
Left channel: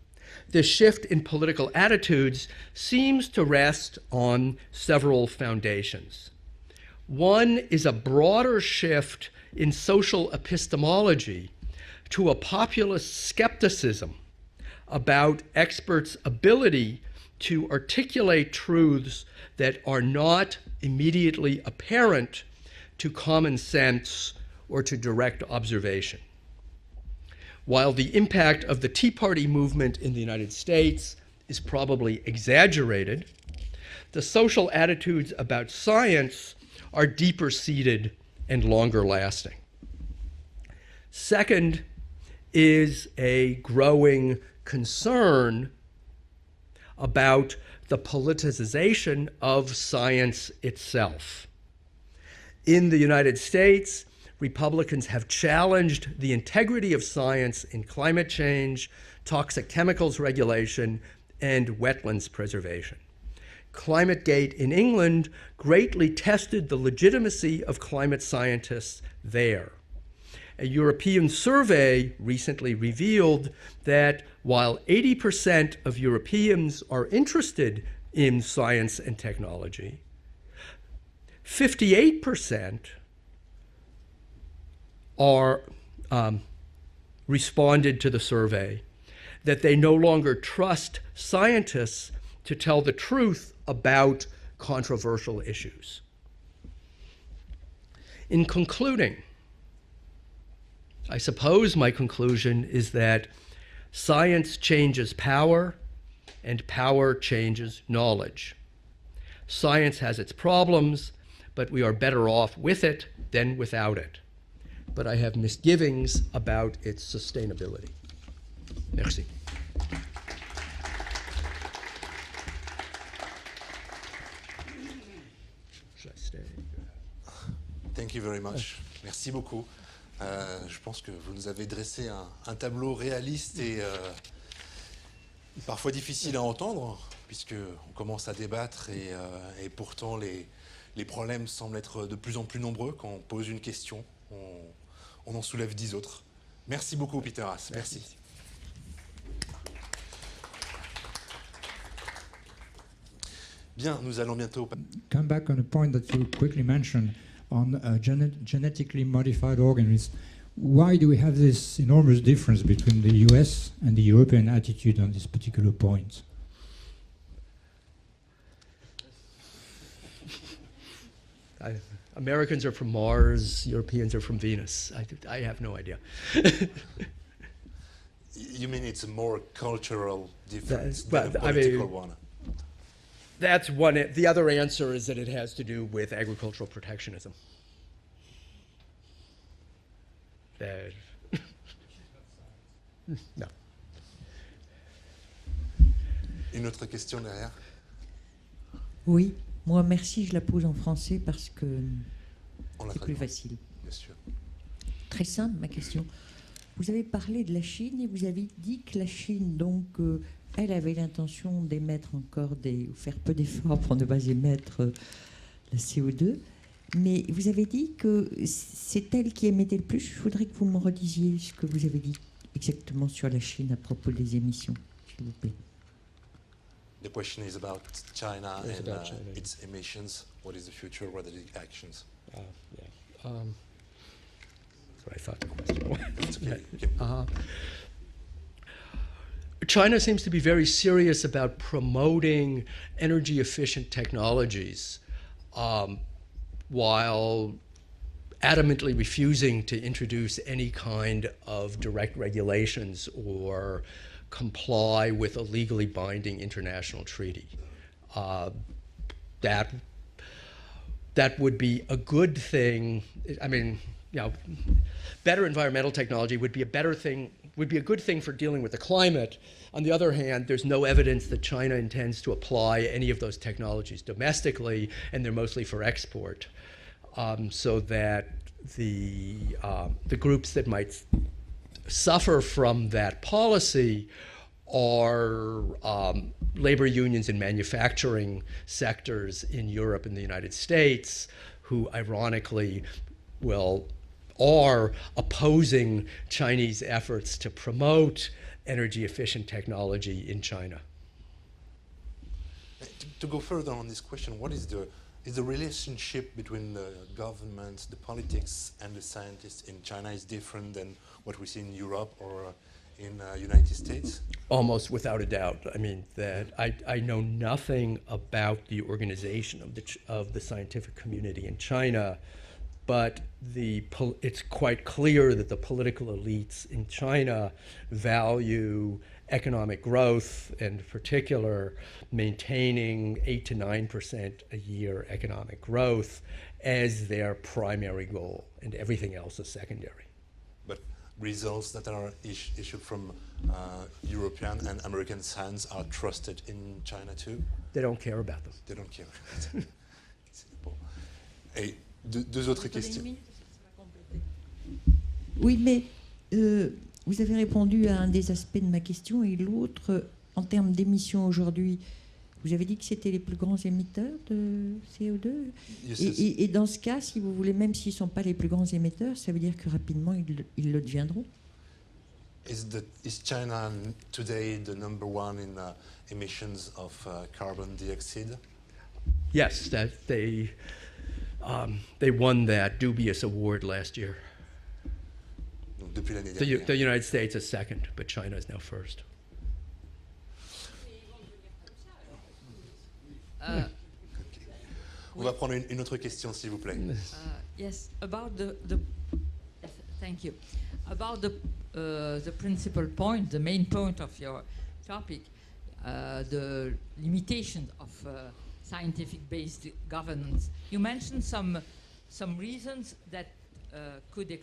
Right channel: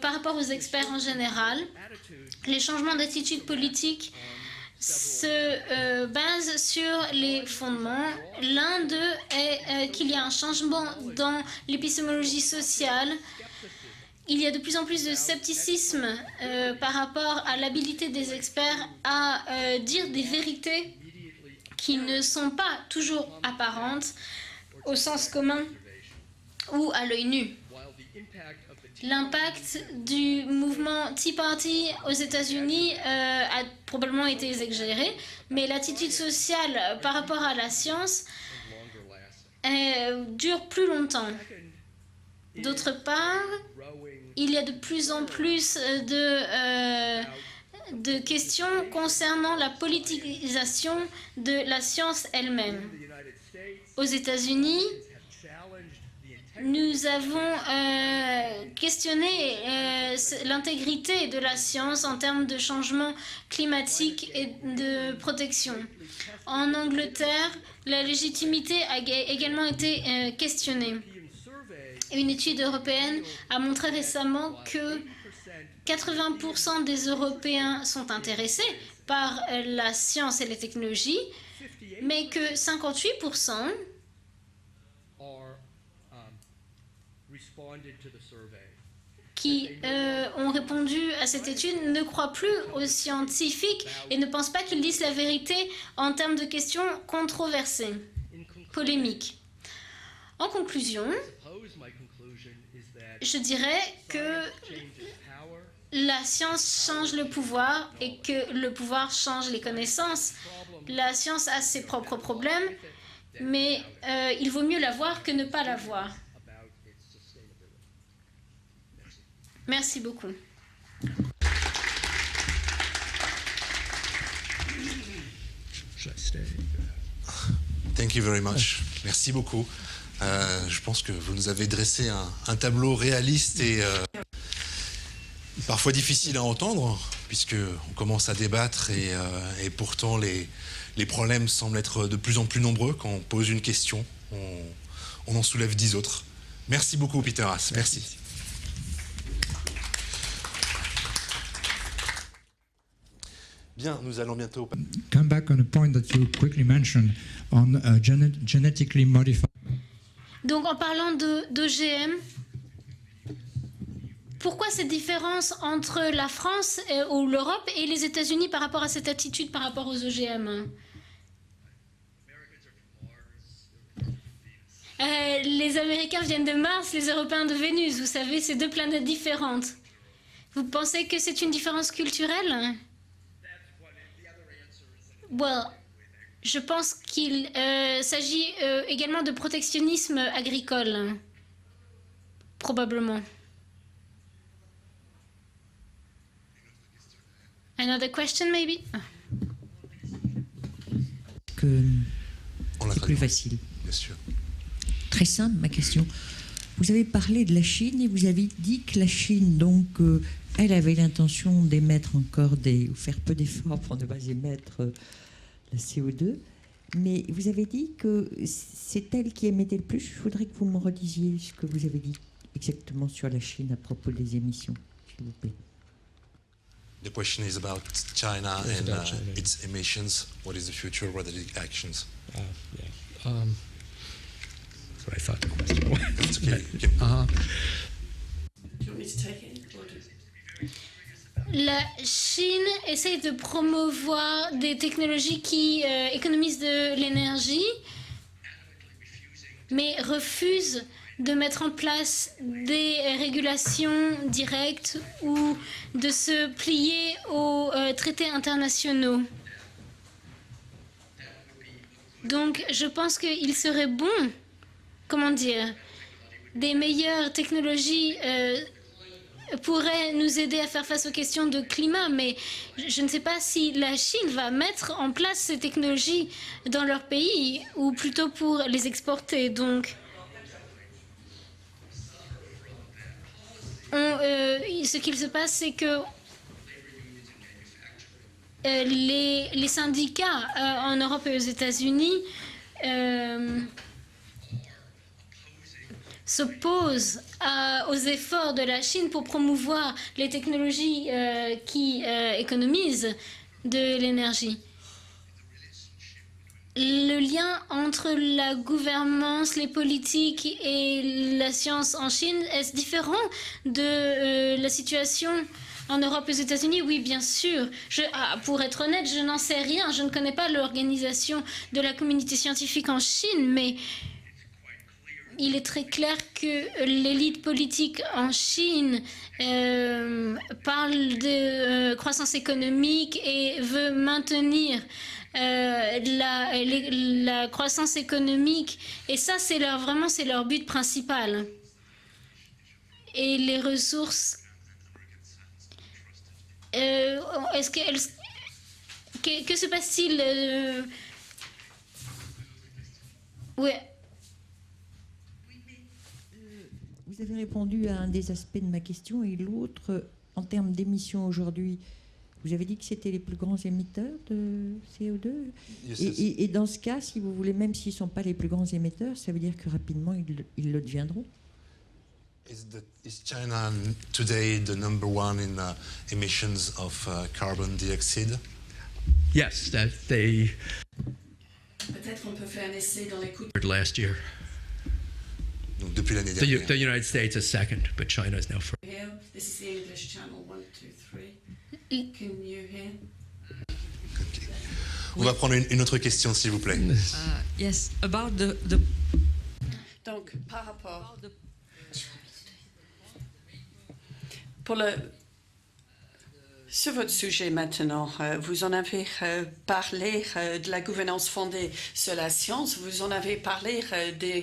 par rapport aux The experts en shift in général. political attitudes Les changements seems d'attitude to rest politique on several se foundations. base sur One les is a fondements. broader L'un shift d'eux est in qu'il y a social un changement epistemology dans to a l'épistémologie populist sociale. skepticism Il y a de plus en plus de about scepticisme experts' ability par rapport à to l'habilité des articulate experts truths à that dire are des not vérités immediately qui ne apparent sont pas to toujours common apparentes sense or to au sens direct commun. observation. ou à l'œil nu. While the impact of the Tea Party L'impact movement in the du United mouvement States Tea Party is probably aux États-Unis exaggerated, a probablement the été social exagéré, attitudes about mais l'attitude science sociale par are rapport deeper à la seated science and longer lasting. dure plus longtemps. Second is D'autre part, a growing il y a de plus en concern plus about the de questions politicization concernant la of science politisation itself. de la science elle-même. In the United States, Aux États-Unis, Republicans have challenged the integrity of nous avons science in climate change, questionné toxic chemicals regulation, l'intégrité de la and science en wetlands termes de preservation. changement climatique ClimateGate et in de England protection. greatly tested En the Angleterre, legitimacy of la climate légitimité scientists a there. également été A questionnée. European survey Une étude recently européenne revealed a montré that récemment while que 80% of 80% Europeans des are interested Européens citoyens sont in intéressés science and par technology. la science et les technologies, mais 58% que 58% are responded to the survey qui that they no longer ont trust répondu à cette étude ne scientists croient plus to tell aux the truth scientifiques about et ne pensent pas qu'ils disent la controversial vérité issues. en termes de questions controversées, In concluding, polémiques. En conclusion, I suppose my conclusion is that je dirais science changes power, que la science and power change le changes pouvoir et knowledge. que le pouvoir change les Science has connaissances. its problems, La science a but ses we are propres better off problèmes, with it than mais without it. Il vaut mieux But I l'avoir que have ne pas l'avoir. misgivings about its sustainability. Merci. Merci beaucoup. Should I stay? Thank you very much. Merci beaucoup. Je pense que vous nous avez dressé un tableau réaliste et parfois difficile à entendre, puisqu'on commence à débattre et pourtant les problèmes semblent être de plus en plus nombreux. Quand on pose une question, on en soulève 10 autres. Merci beaucoup, Peter Haas. Merci. Bien, nous allons bientôt... Come back on a point that you quickly mentioned on genetically modified organisms. Donc en Why do parlant we have this enormous d'OGM, difference between the US and the European pourquoi cette attitude on this différence particular entre point? la France ou l'Europe et les États-Unis par rapport à cette attitude par rapport aux OGM? Americans are from Mars, Europeans are from Venus. I have no Les idea. Américains viennent de Mars, les Européens de Vénus. Vous savez, c'est deux planètes différentes. Vous pensez que c'est une différence culturelle? That's one. The other answer is that it has Well, to do with Je agricultural pense protectionism. qu'il s'agit également de protectionnisme agricole. Probablement. No. Une autre question derrière. Another question, maybe? Oui, moi merci, je la pose en français parce que On la c'est plus traduit. facile. Bien sûr. Très simple ma question. Vous avez parlé de la Chine et vous avez dit que la Chine, donc, elle avait l'intention d'émettre encore ou faire peu d'efforts pour ne pas émettre la CO2. Mais vous avez dit que c'est elle qui émettait le plus. Je voudrais que vous me redisiez ce que vous avez dit exactement sur la Chine à propos des émissions, s'il vous plaît. The question is about China It's and about China. its emissions. What is the future? What are the actions? Yeah. That's what I thought the question was. It's okay. Okay. China seems to be very serious about La promoting Chine essaie de energy efficient promouvoir des technologies, technologies qui économisent de while l'énergie, adamantly refusing to mais introduce any refuse kind de mettre en of direct place regulations des or régulations directes comply with the ou legally de binding se plier international treaties. aux traités internationaux. That would be a good Donc thing. je pense I qu'il mean, serait bon, you know, comment better dire, environmental technology would be des a better meilleures thing, would be a good technologies, thing for dealing with the climate. On the pourrait other nous hand, aider à there's no faire face aux evidence questions that de China climat, intends to mais apply je any ne sais of pas those si la technologies Chine va domestically, mettre en and they're place ces mostly for technologies export. dans leur pays So ou that plutôt pour les exporter. Donc the groups that might suffer from that policy ce qu'il se passe, c'est que labor unions in manufacturing sectors les in Europe and the syndicats United en States, Europe et aux who États-Unis ironically are opposing Chinese s'opposent efforts to aux promote efforts de la energy Chine pour efficient promouvoir technology les in technologies qui économisent To go further on de this question, l'énergie. what is the relationship between Le lien governments, entre la politics, gouvernance, and les science in China is politiques different et than what la we see in science en Europe Chine, or est-ce différent United de States? la Almost situation without a doubt. I mean, en Europe et aux that États-Unis? Oui, I bien know sûr. nothing Pour about être the honnête, je n'en sais rien. Je ne organization connais of pas the l'organisation scientific de la community in communauté scientifique en But Chine, mais it's quite clear that il the est très political clair elites que in l'élite China politique en value Chine economic growth, and parle particular de croissance maintaining économique et 8 to 9% veut maintenir a-year economic growth la as their croissance primary économique. goal, and everything Et else ça, is c'est vraiment c'est leur but principal. Results that are issued from Et les ressources, European and American science are trusted in est-ce They don't qu'elles care about it. They don't care. que se passe-t-il Et deux autres questions. ouais. Oui, mais vous avez répondu à un des aspects de ma question et l'autre, en termes d'émissions aujourd'hui, vous avez dit que c'était les plus grands émetteurs de CO2. Yes, Et dans ce cas, si vous voulez, même s'ils ne sont pas les plus grands émetteurs, ça veut dire que rapidement, ils le deviendront. Is China today the number one in emissions of carbon dioxide? Yes, they won that dubious award last year. Donc depuis l'année dernière. The United States is second, but China is now first. This is the English channel 1, 2, 3. Can you hear? Okay. On va prendre une autre question, s'il vous plaît. Yes, about the thank you. Par rapport About the principal point, the main point of your pour le topic. Sur votre sujet maintenant, vous en avez parlé de la gouvernance fondée sur la science, vous en avez parlé des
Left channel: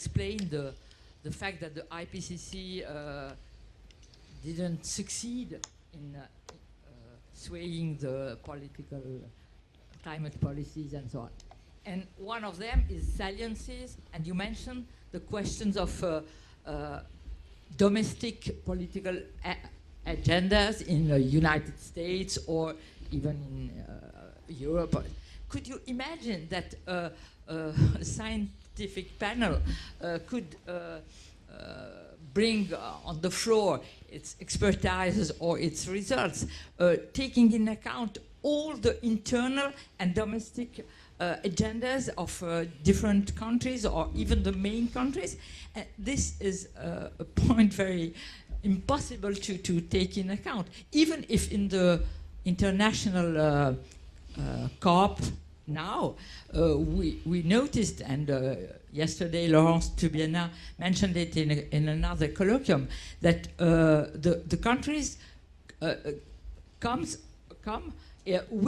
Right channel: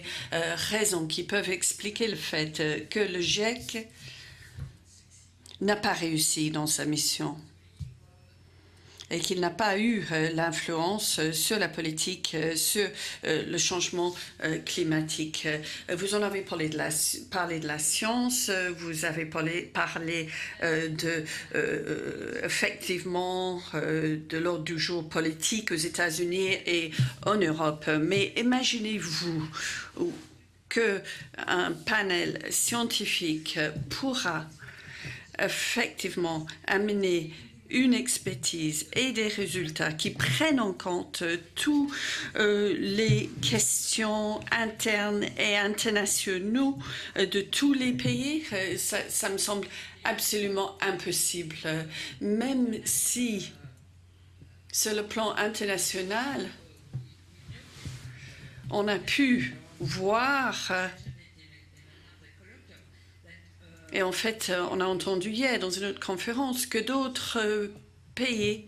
raisons qui peuvent expliquer le fait que le GIEC n'a pas réussi dans sa mission et qu'il n'a pas eu l'influence sur la politique, sur le changement climatique. Vous en avez parlé de la science, vous avez parlé effectivement de l'ordre du jour politique aux États-Unis et en Europe. Mais imaginez-vous qu'un panel scientifique pourra effectivement amener une expertise et des résultats qui prennent en compte toutes les questions internes et internationaux de tous les pays. Ça me semble absolument impossible. Même si sur le plan international, on a pu voir, et en fait, on a entendu hier dans une autre conférence que d'autres pays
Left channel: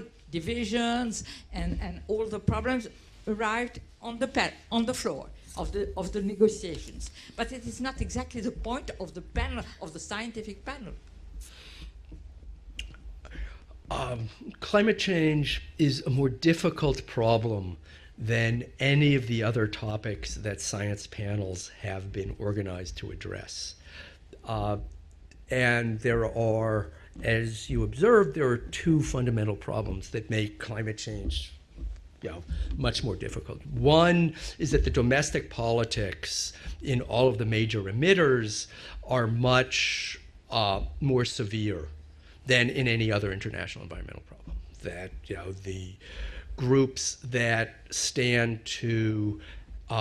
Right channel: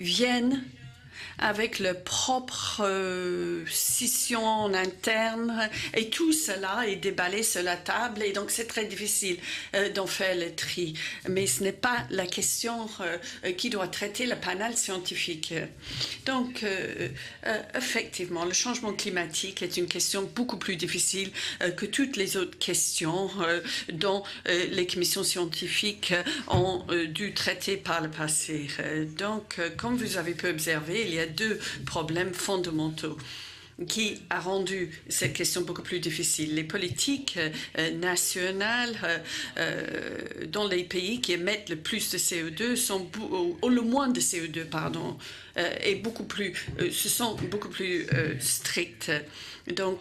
viennent avec leur propre scission interne et tout cela est déballé sur la table et donc c'est très difficile d'en faire le tri. Mais ce n'est pas la question qui doit traiter le panel scientifique. Donc effectivement, le changement climatique est une question beaucoup plus difficile que toutes les autres questions dont les commissions scientifiques ont dû traiter par le passé. Donc, comme vous avez pu observer, il y a deux problèmes fondamentaux qui ont rendu cette question beaucoup plus difficile. Les politiques nationales dans les pays qui émettent le plus de CO2 ou le moins de CO2, pardon, et beaucoup plus, ce sont beaucoup plus strictes. Donc,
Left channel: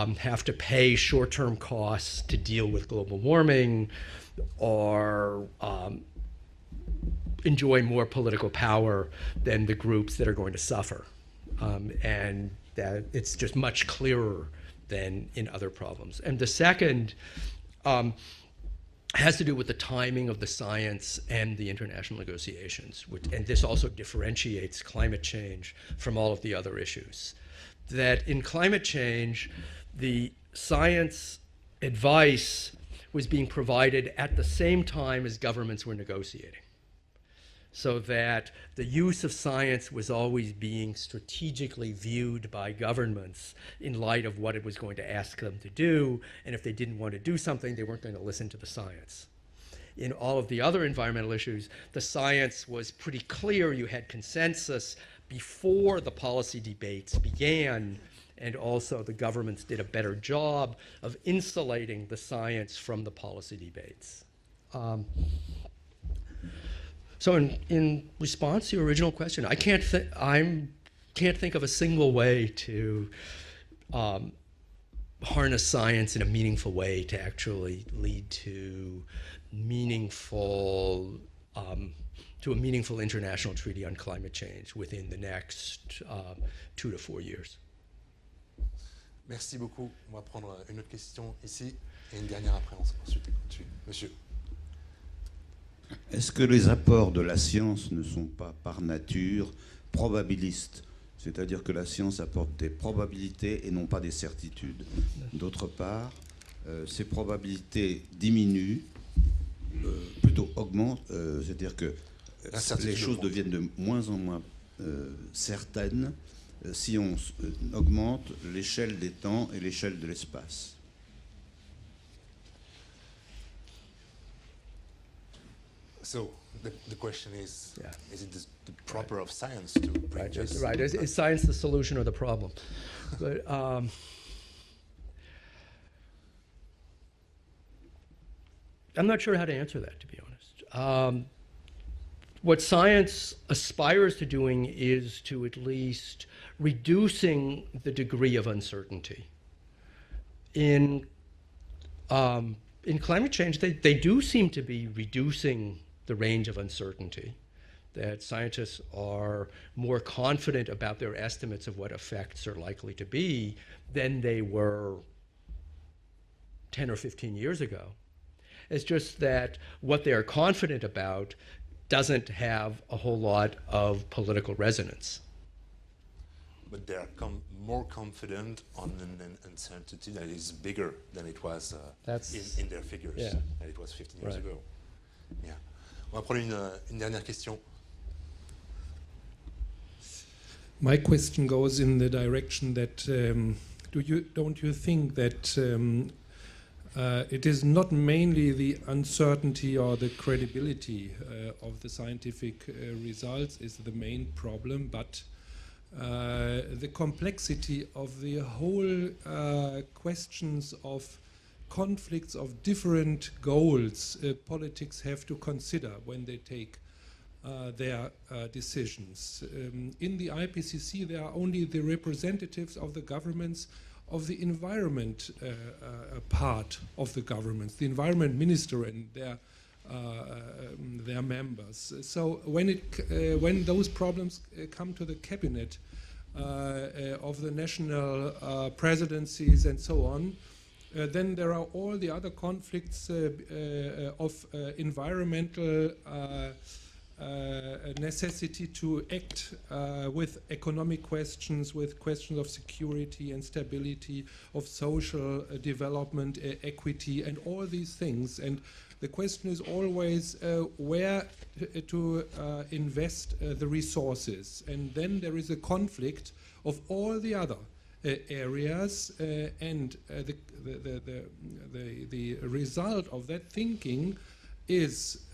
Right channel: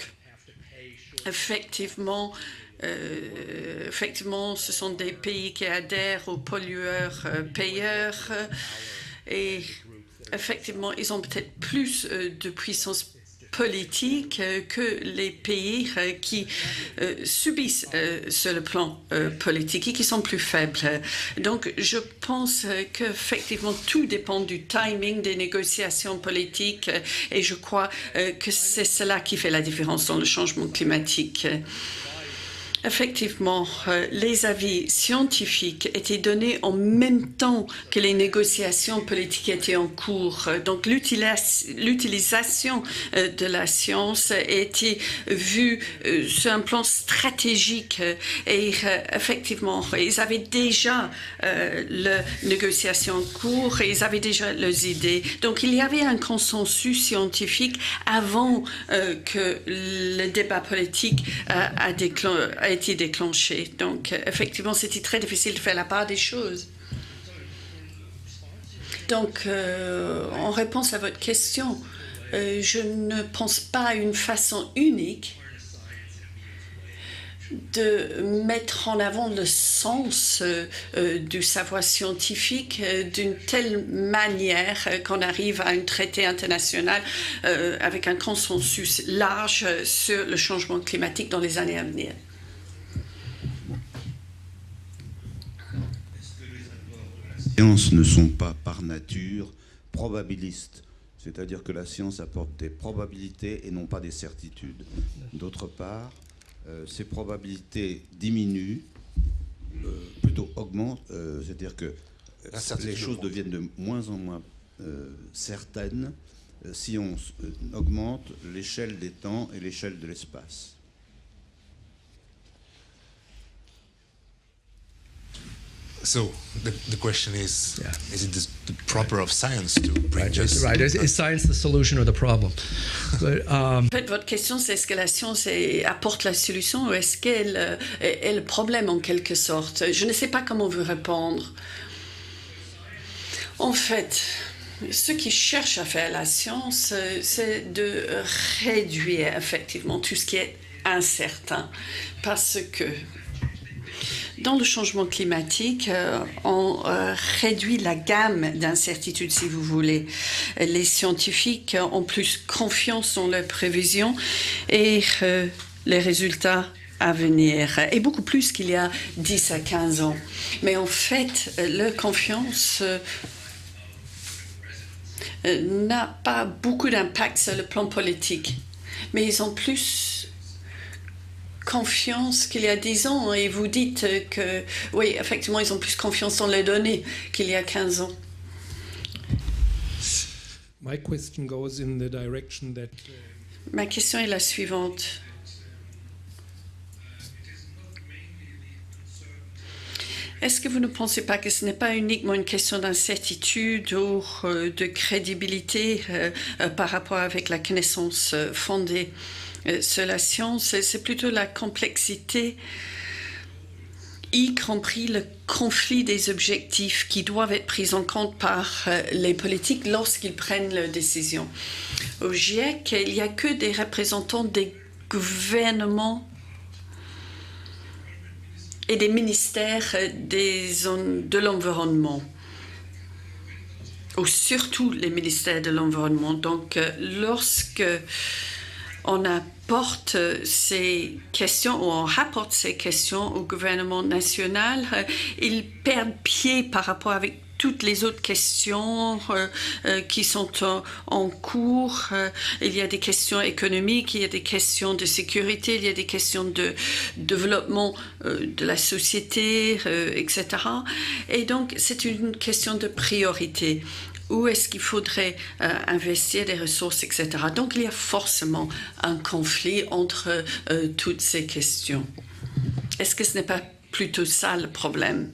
effectivement, ce sont des pays qui adhèrent aux pollueurs payeurs. Et effectivement, ils ont peut-être plus de puissance politique que les pays qui subissent sur le plan politique et qui sont plus faibles. Donc, je pense qu'effectivement, tout dépend du timing des négociations politiques et je crois que c'est cela qui fait la différence dans le changement climatique. Effectivement, les avis scientifiques étaient donnés en même temps que les négociations politiques étaient en cours. Donc l'utilisation de la science était vue sur un plan stratégique et effectivement, ils avaient déjà leurs négociations en cours et ils avaient déjà leurs idées. Donc il y avait un consensus scientifique avant que le débat politique a été déclenché. Donc, effectivement, c'était très difficile de faire la part des choses. Donc, en réponse à votre question, je ne pense pas à une façon unique de mettre en avant le sens du savoir scientifique d'une telle manière qu'on arrive à un traité international avec un consensus large sur le changement climatique dans les années à venir. Est-ce que les apports de la science ne sont pas par nature probabilistes? C'est-à-dire que la science apporte des probabilités et non pas des certitudes. D'autre part, ces probabilités diminuent, plutôt augmentent, c'est-à-dire que les choses deviennent de moins en moins certaines si on augmente l'échelle des temps et l'échelle de l'espace. So the question is it the proper of science to bring just... Right. Is science the solution or the problem? But, En fait, votre question, c'est est-ce que la science apporte la solution ou est-ce qu'elle est le problème en quelque sorte? Je ne sais pas comment vous répondre. What science En aspires fait, to doing is ce qui cherche à faire la science, reducing c'est de the degree of réduire effectivement tout ce qui est incertain. Parce que in climate change, they do seem dans to le be changement reducing climatique, the range of on uncertainty. réduit la gamme d'incertitudes, si vous voulez. Les scientifiques ont plus confiance dans leurs prévisions et les résultats à venir, et beaucoup plus qu'il y a 10 à 15 ans. Mais en fait, leur confiance n'a pas beaucoup d'impact sur le plan politique. Mais ils ont plus confiance qu'il y a 10 ans, et vous dites que, oui, effectivement, ils ont plus confiance dans les données qu'il y a 15 ans. my question goes in the direction that Ma question est la suivante. It is not mainly the uncertainty or the credibility. Est-ce que vous ne pensez pas que ce n'est pas uniquement une question d'incertitude ou de crédibilité par rapport avec la connaissance fondée sur la science? C'est plutôt la complexité, y compris le conflit des objectifs qui doivent être pris en compte par les politiques lorsqu'ils prennent leurs décisions. Au GIEC, il n'y a que des représentants des gouvernements et des ministères de l'environnement, ou surtout les ministères de l'environnement. Donc, lorsque on apporte ces questions, ou on rapporte ces questions au gouvernement national, ils perdent pied par rapport avec toutes les autres questions qui sont en cours. Il y a des questions économiques, il y a des questions de sécurité, il y a des questions de développement de la société, etc. Et donc, c'est une question de priorité. Où est-ce qu'il faudrait investir des ressources, etc. Donc, il y a forcément un conflit entre toutes ces questions. Est-ce que ce n'est pas plutôt ça le problème?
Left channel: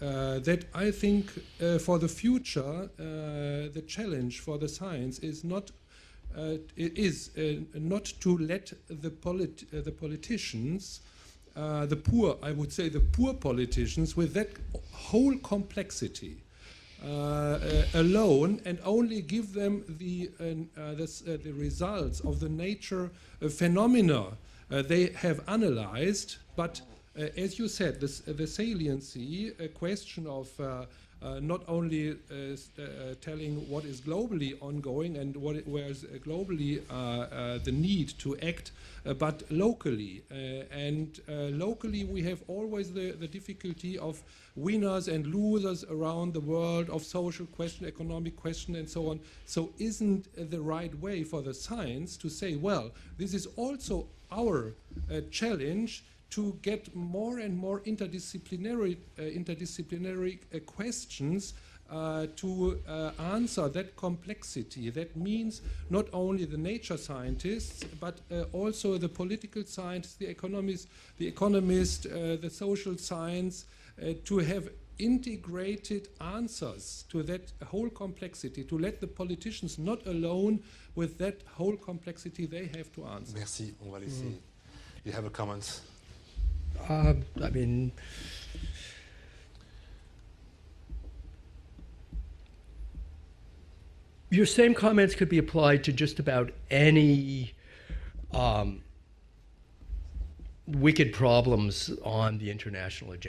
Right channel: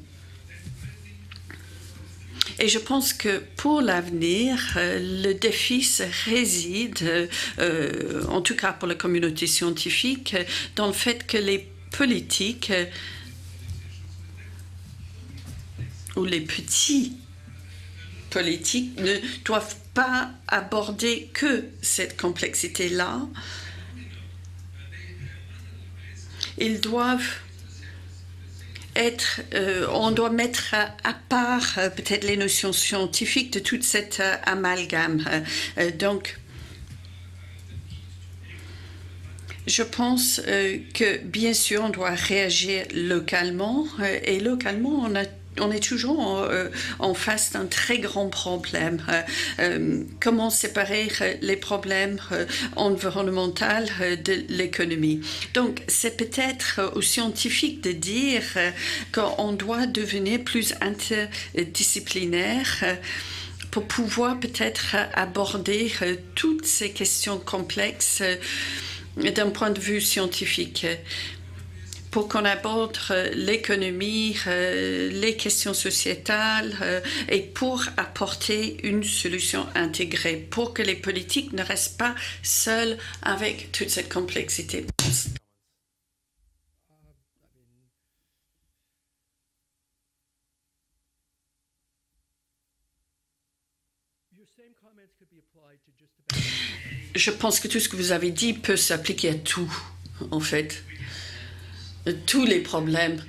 Et je pense que pour l'avenir, le défi réside, en tout cas pour la communauté scientifique, dans le fait que les politiques ou les petits politiques ne doivent pas aborder que cette complexité-là. Ils doivent être, on doit mettre à part peut-être les notions scientifiques de toute cette amalgame. Donc, je pense que, bien sûr, on doit réagir localement, et localement, on est toujours en face d'un très grand problème. Comment séparer les problèmes environnementaux de l'économie? Donc, c'est peut-être aux scientifiques de dire qu'on doit devenir plus interdisciplinaire pour pouvoir peut-être aborder toutes ces questions complexes d'un point de vue scientifique, pour qu'on aborde l'économie, les questions sociétales, et pour apporter une solution intégrée, pour que les politiques ne restent pas seuls avec toute cette complexité. Your same comments could be applied to just about any. Je pense que tout ce que vous avez dit peut s'appliquer à tout, en fait. Wicked problems on tous les problèmes,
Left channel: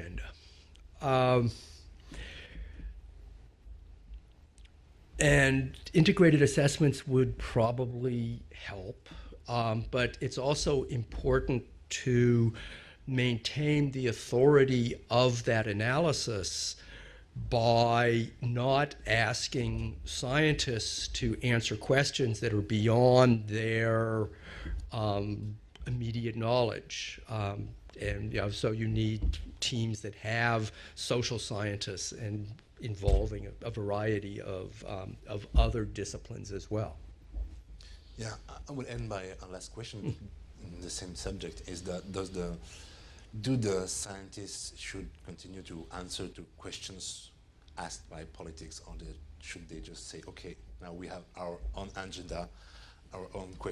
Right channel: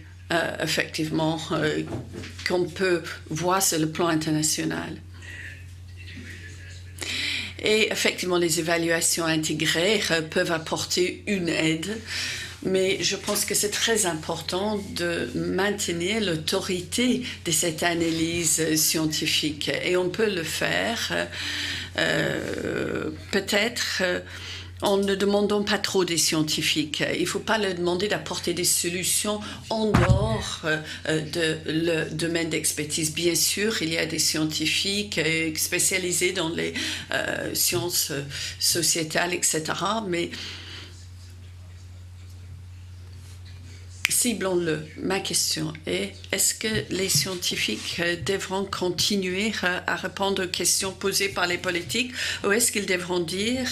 effectivement, qu'on peut voir sur le plan international. And integrated assessments would probably, et effectivement, les évaluations intégrées peuvent apporter une aide, mais je pense que c'est très important de maintenir l'autorité de cette analyse scientifique. Et on peut le faire peut-être en ne demandant pas trop des scientifiques. Il ne faut pas leur demander d'apporter des solutions en dehors de leur domaine d'expertise. Bien sûr, il y a des scientifiques spécialisés dans les sciences sociétales, etc. Mais Ciblons-le. Ma question est, est-ce que les scientifiques devront continuer à répondre aux questions posées par les politiques ou est-ce qu'ils devront dire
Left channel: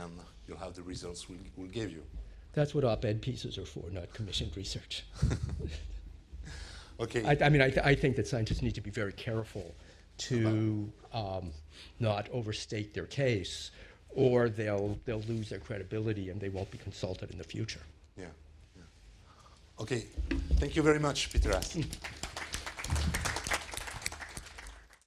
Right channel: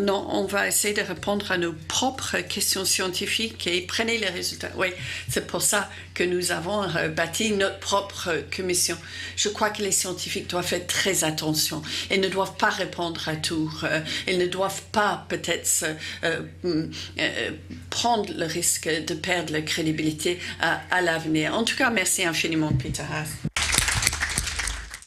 non, on va essayer de répondre à nos propres questions scientifiques et prenez les résultats. Oui, c'est pour ça que nous avons bâti notre propre commission. Je crois que les scientifiques doivent faire très attention. Ils ne doivent pas répondre à tout. Ils ne doivent pas peut-être prendre le risque de perdre la crédibilité à l'avenir. En tout cas, merci infiniment, Peter Haas.